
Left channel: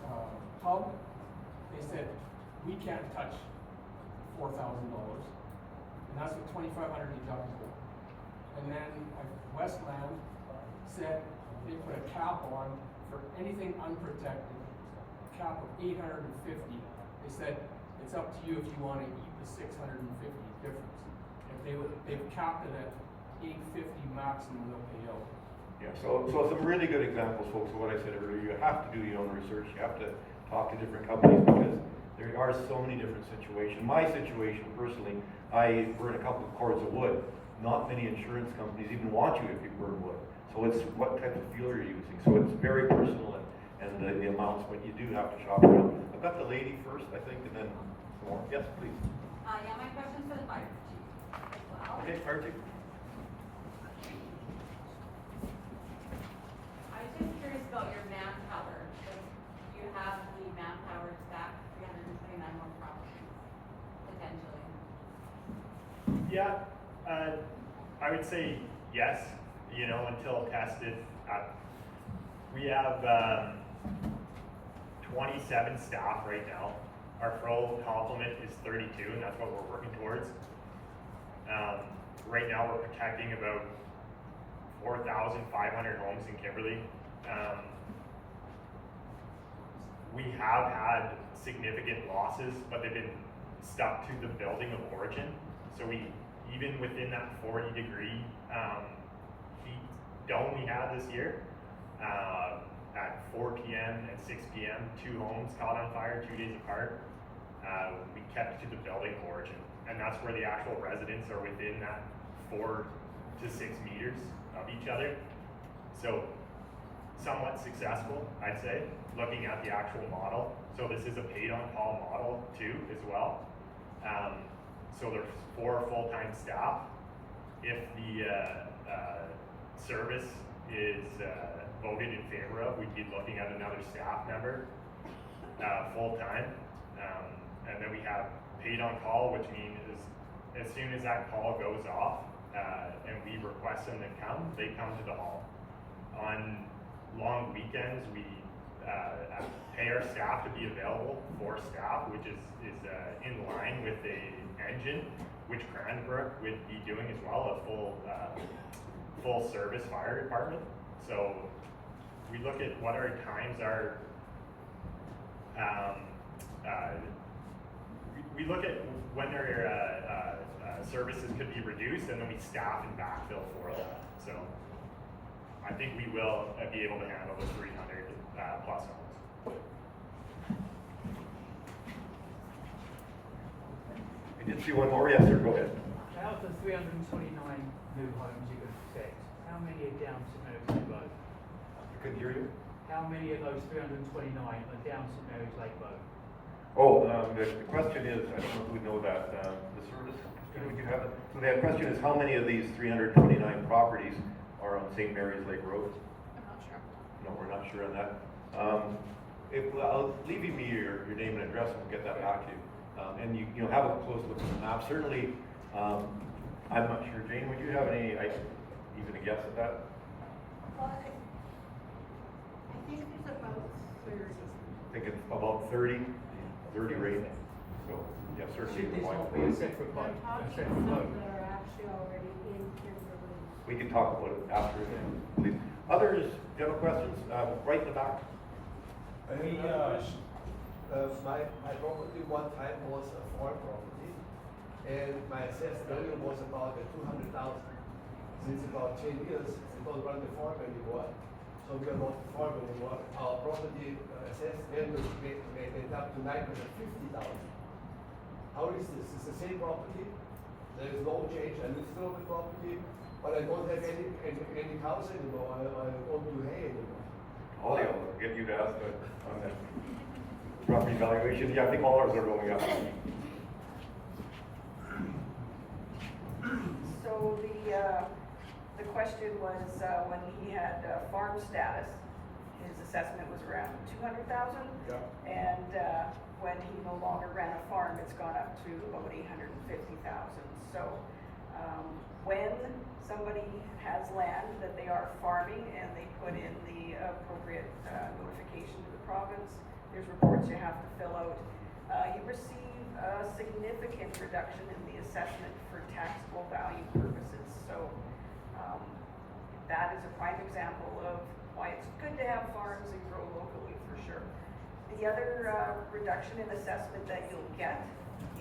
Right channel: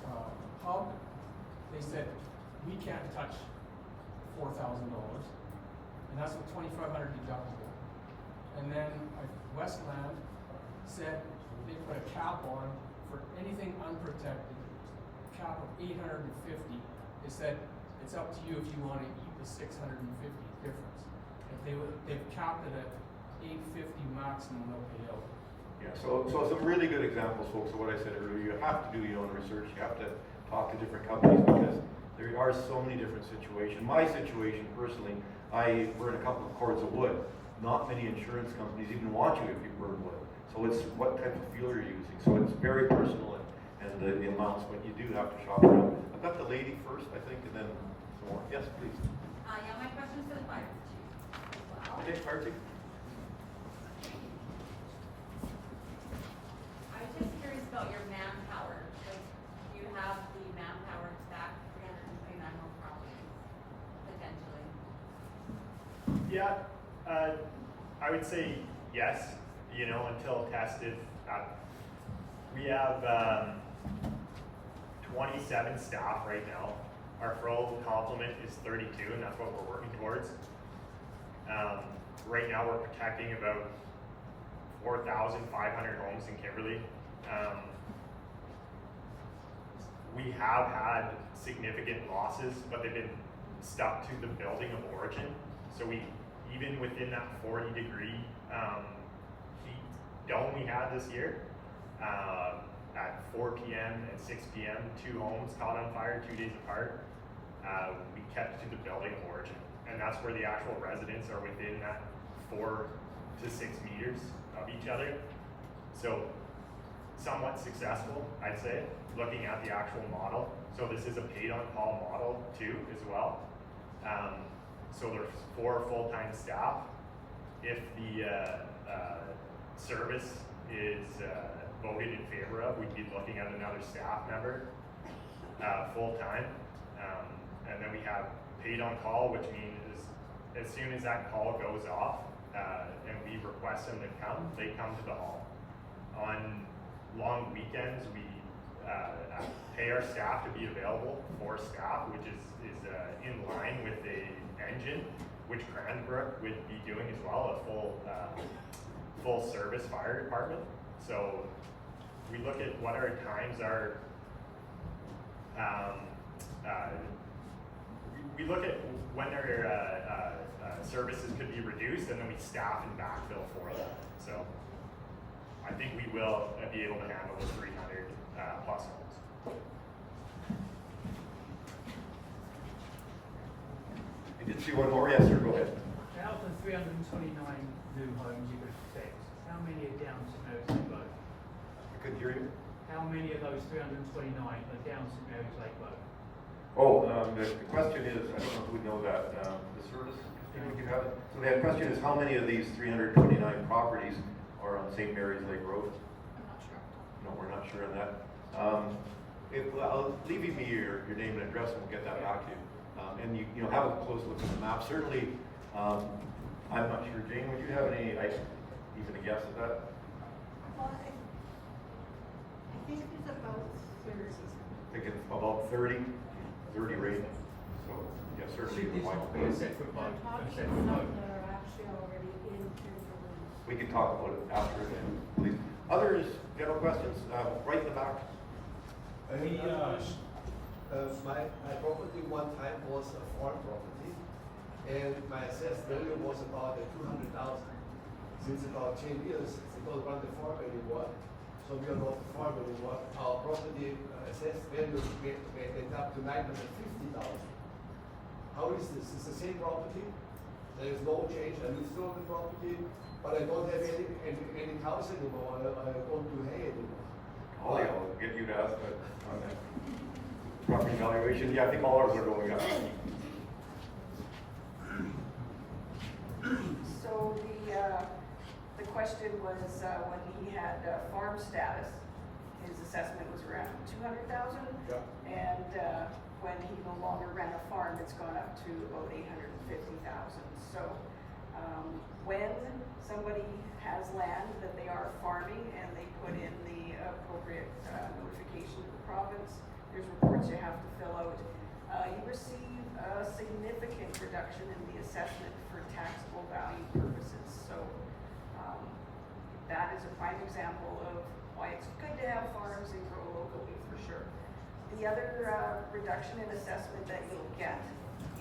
Hub. They said, we can't touch $4,000, and that's a $2,500 deductible. And then Westland said they put a cap on for anything unprotected, cap of $850. They said it's up to you if you want to eat the $650 difference. They've capped it at $850 maximum they'll pay out. Yeah, so some really good examples, folks, of what I said earlier. You have to do your own research. You have to talk to different companies because there are so many different situations. My situation personally, we're in a couple of cords of wood. Not many insurance companies even want you if you burn wood. So it's what type of fuel you're using. So it's very personal and the amounts, but you do have to shop around. I've got the lady first, I think, and then some more. Yes, please. Yeah, my question's for the fire chief. Okay, fire chief. I was just curious about your manpower. Do you have the manpower to staff 329 more properties, potentially? Yeah, I would say yes, you know, until tested. We have 27 staff right now. Our full complement is 32, and that's what we're working towards. Right now we're protecting about 4,500 homes in Kimberley. We have had significant losses, but they've been stuck to the building of origin. So even within that 40-degree heat dome we had this year, at 4 p.m. and 6 p.m., 2 homes caught on fire 2 days apart. We kept to the building of origin, and that's where the actual residents are within that 4 to 6 meters of each other. So somewhat successful, I'd say, looking at the actual model. So this is a paid-on-call model too, as well. So there's 4 full-time staff. If the service is voted in favor of, we'd be looking at another staff member full-time. And then we have paid-on-call, which means as soon as that call goes off and we request them to come, they come to the hall. On long weekends, we pay our staff to be available for staff, which is in line with the engine, which Cranbrook would be doing as well, a full service fire department. So we look at what our times are. We look at when our services could be reduced, and then we staff and backfill for that. So I think we will be able to handle those 300 plus homes. I did see one more. Yes, sir. Go ahead. Out of the 329 new homes you would expect, how many are down to no smoke? couldn't hear you. How many of those 329 are down St. Mary's Lake Road? Oh, the question is, I don't know if we know that, the service, Christina, would you have it? So the question is, how many of these 329 properties are on St. Mary's Lake Road? I'm not sure. No, we're not sure on that. I'll leave you your name and address, and we'll get that back to you. And you know, have a close look at the map. Certainly, I'm not sure. Jane, would you have any, even a guess at that? Well, I think it's about 30. I think it's about 30 range. So, yeah, certainly. Should this not be a separate vote? I'm talking A separate about vote? that are actually already in Kimberley. We can talk about it after, please. Others, general questions? Right in the back. My property one time was a farm property, and my assessed value was about 200,000. Since about 10 years, it's not run the farm anymore. So we are not the farm anymore. Our property assessed value went up to 950,000. How is this? It's the same property. There is no change. I live still on the property, but I don't have any cows anymore. I don't do hay anymore. Ollie, I'll get you to ask on that property valuation. Yeah, I think all ours are going up. So the question was, when he had farm status, his assessment was around 200,000. Yeah. And when he no longer ran a farm, it's gone up to about 850,000. So when somebody has land that they are farming and they put in the appropriate notification to the province, there's reports you have to fill out. You receive a significant reduction in the assessment for taxable value purposes. So that is a prime example of why it's good to have farms and grow locally for sure. The other reduction in assessment that you'll get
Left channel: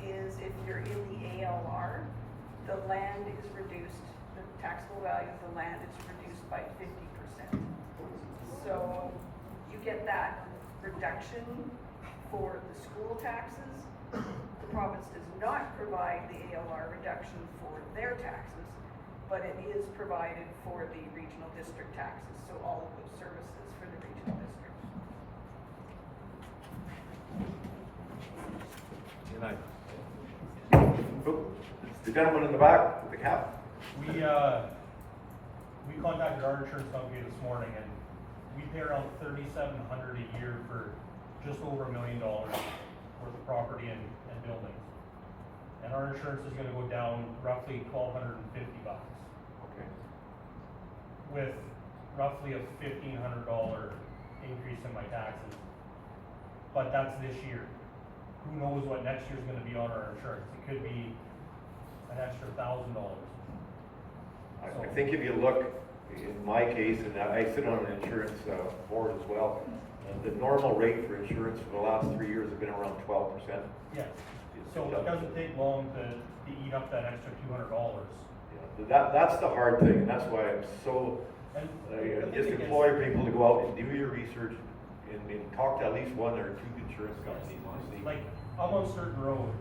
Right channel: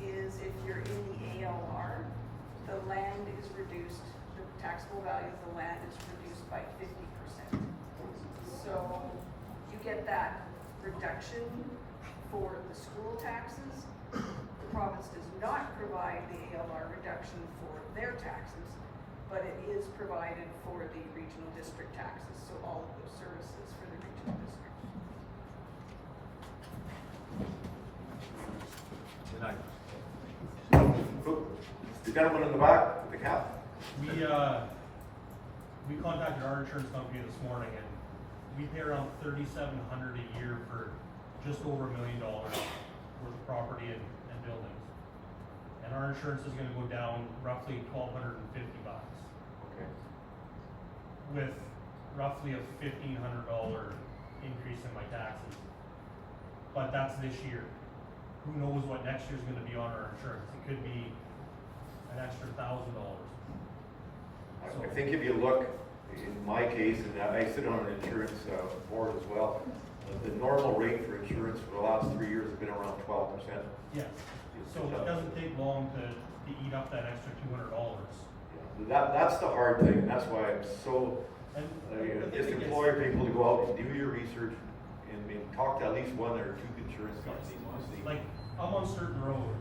is if you're in the ALR, the land is reduced, the taxable value of the land is reduced by 50%. So you get that reduction for the school taxes. The province does not provide the ALR reduction for their taxes, but it is provided for the regional district taxes, so all of those services for the regional district. Good night. The gentleman in the back with the cap. We contacted our insurance company this morning, and we pay around $3,700 a year for just over $1 million worth of property and buildings. And our insurance is going to go down roughly $1,250. Okay. With roughly a $1,500 increase in my taxes. But that's this year. Who knows what next year's going to be on our insurance? It could be an extra $1,000. I think if you look, in my case, and I sit on an insurance board as well, the normal rate for insurance for the last 3 years has been around 12%. Yeah. So it doesn't take long to eat up that extra $200. Yeah. That's the hard thing, and that's why I'm so, just implore people to go out and do your research and talk to at least one or two insurance companies. Like, I'm on certain road.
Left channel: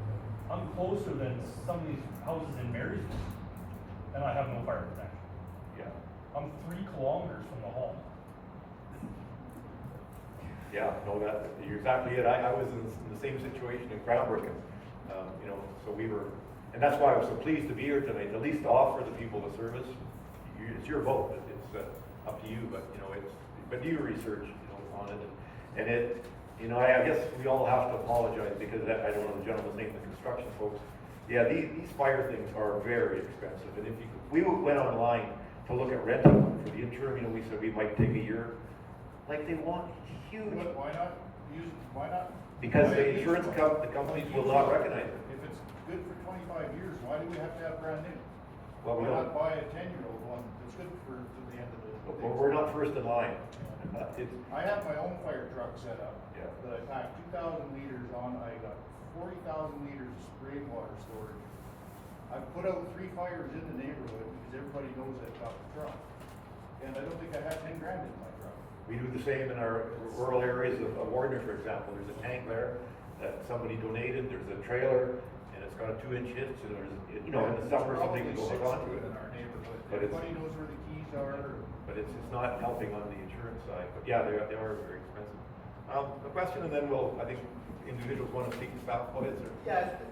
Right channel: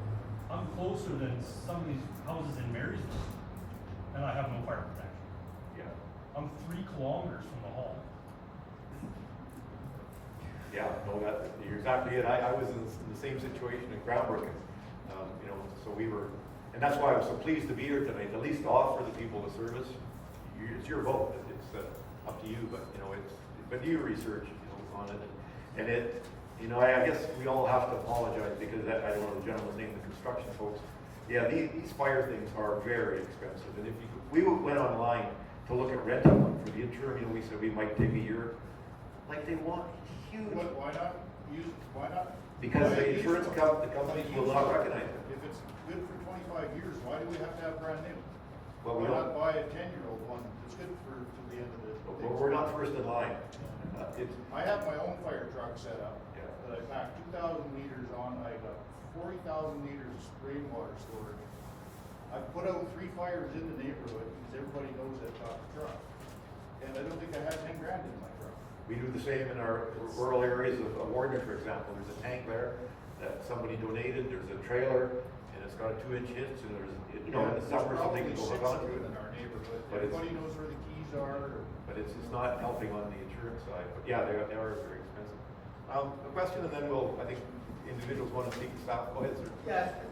I'm closer than some of these houses in Marysville, and I have no fire protection. Yeah. I'm 3 kilometers from the hall. Yeah, no, you're exactly it. I was in the same situation in Cranbrook, and, you know, so we were, and that's why I was so pleased to be here tonight, at least to offer the people the service. It's your vote, it's up to you, but, you know, but do your research, you know, on it, and it, you know, I guess we all have to apologize because I don't know the gentleman's name, the construction folks. Yeah, these fire things are very expensive, and we went online to look at renting one for the interim, you know, we said we might take a year. Like, they want huge. Why not use, why not? Because the insurance companies will not recognize it. If it's good for 25 years, why do we have to have brand new? Well, we Why don't. not buy a 10-year-old one that's good for to the end of the. We're not first in line. I have my own fire truck set up. Yeah. That I pack 2,000 liters on. I got 40,000 liters of rainwater storage. I've put out 3 fires in the neighborhood because everybody knows that about the truck. And I don't think I have 10 grand in my truck. We do the same in our rural areas of Warner, for example. There's a tank there that somebody donated. There's a trailer, and it's got a 2-inch hitch. And there's, you know, in the summer something can go onto it. In our neighborhood, But everybody knows where the keys are. But but it's not helping on the insurance side. But yeah, they are very expensive. A question, and then I think individuals want to speak to staff. Go ahead, sir. Yeah,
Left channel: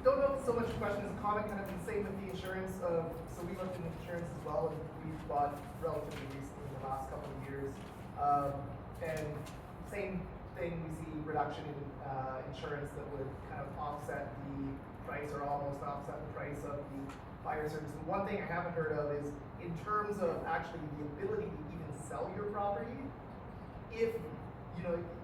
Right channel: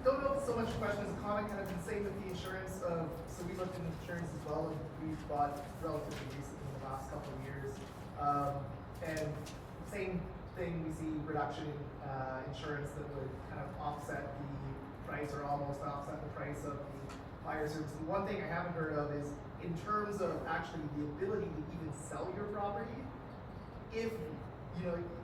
don't know so much questions, comment kind of the same with the insurance of, so we looked into insurance as well, and we've bought relatively recently in the last couple of years. And same thing, we see reduction in insurance that would kind of offset the price or almost offset the price of the fire service. And one thing I haven't heard of is in terms of actually the ability to even sell your property, if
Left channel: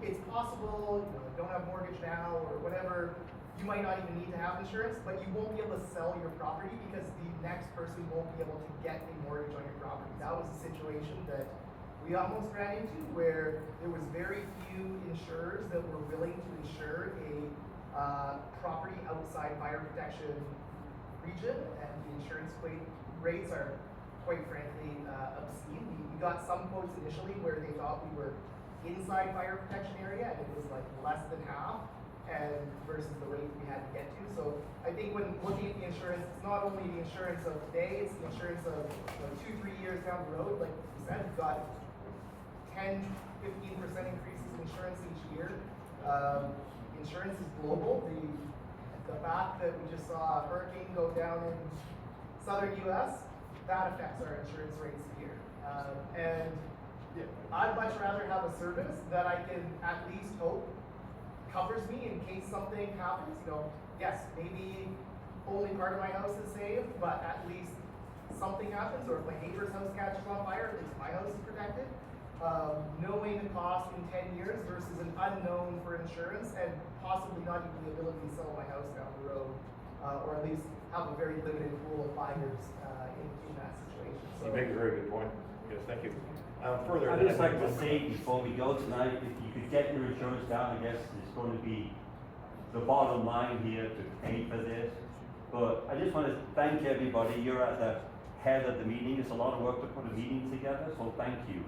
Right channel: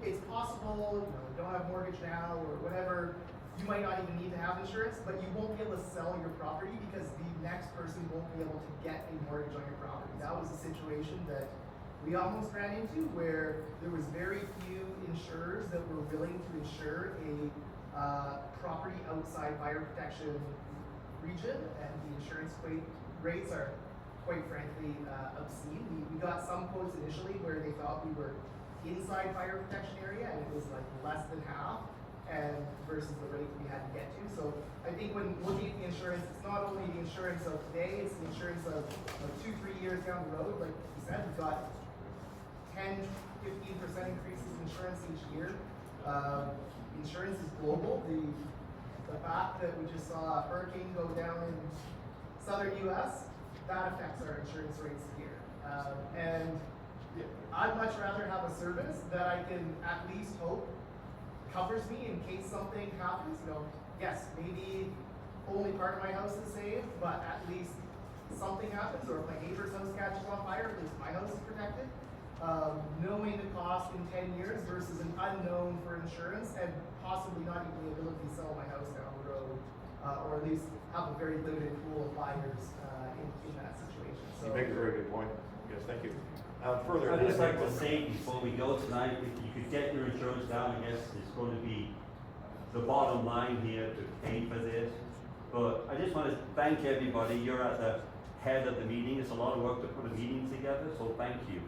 it's possible, you don't have mortgage now or whatever, you might not even need to have insurance, but you won't be able to sell your property because the next person won't be able to get a mortgage on your property. That was a situation that we almost ran into where there was very few insurers that were willing to insure a property outside fire protection region, and the insurance rates are quite frankly obscene. We got some quotes initially where they thought we were inside fire protection area and it was like less than half and versus the rate we had to get to. So I think when looking at the insurance, it's not only the insurance of today, it's the insurance of 2-3 years down the road. Like you said, we've got 10-15% increases in insurance each year. Insurance is global. The fact that we just saw a hurricane go down in southern US, that affects our insurance rates here. And I'd much rather have a service that I can at least hope covers me in case something happens. Yes, maybe only part of my house is saved, but at least something happens, or if my neighbor's house catches on fire, at least my house is protected. Knowing the cost in 10 years versus an unknown for insurance, and possibly not even the ability to sell my house down the road, or at least have a very limited pool of buyers in that situation. So, You make a very good point. Yes, thank you. Further, I'd just like to say before we go tonight, if you could get your insurance down, I guess it's going to be the bottom line here to pay for this. But I just want to thank everybody. You're at the head of the meeting. It's a lot of work to put a meeting together, so thank you.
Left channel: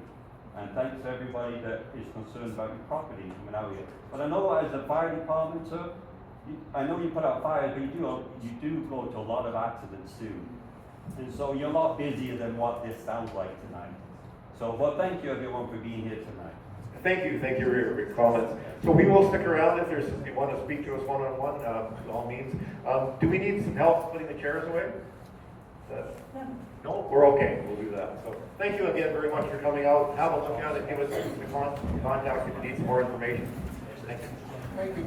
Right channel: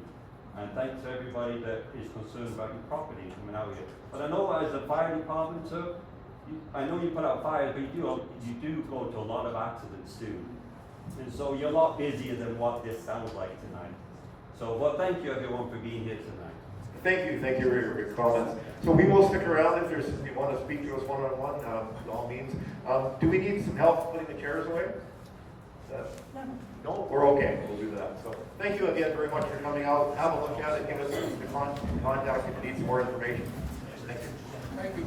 And thanks to everybody that is concerned about your property coming out here. But I know as a fire department, sir, I know you put out fires, but you do go to a lot of accidents too. And so you're a lot busier than what this sounds like tonight. So, well, thank you everyone for being here tonight. Thank you for your comments. So we will stick around if you want to speak to us one-on-one, by all means. Do we need some help putting the chairs away? No, we're okay. We'll do that. So thank you again very much for coming out. Have a look at it. Give us a contact if you need some more information. Thank you. thank you.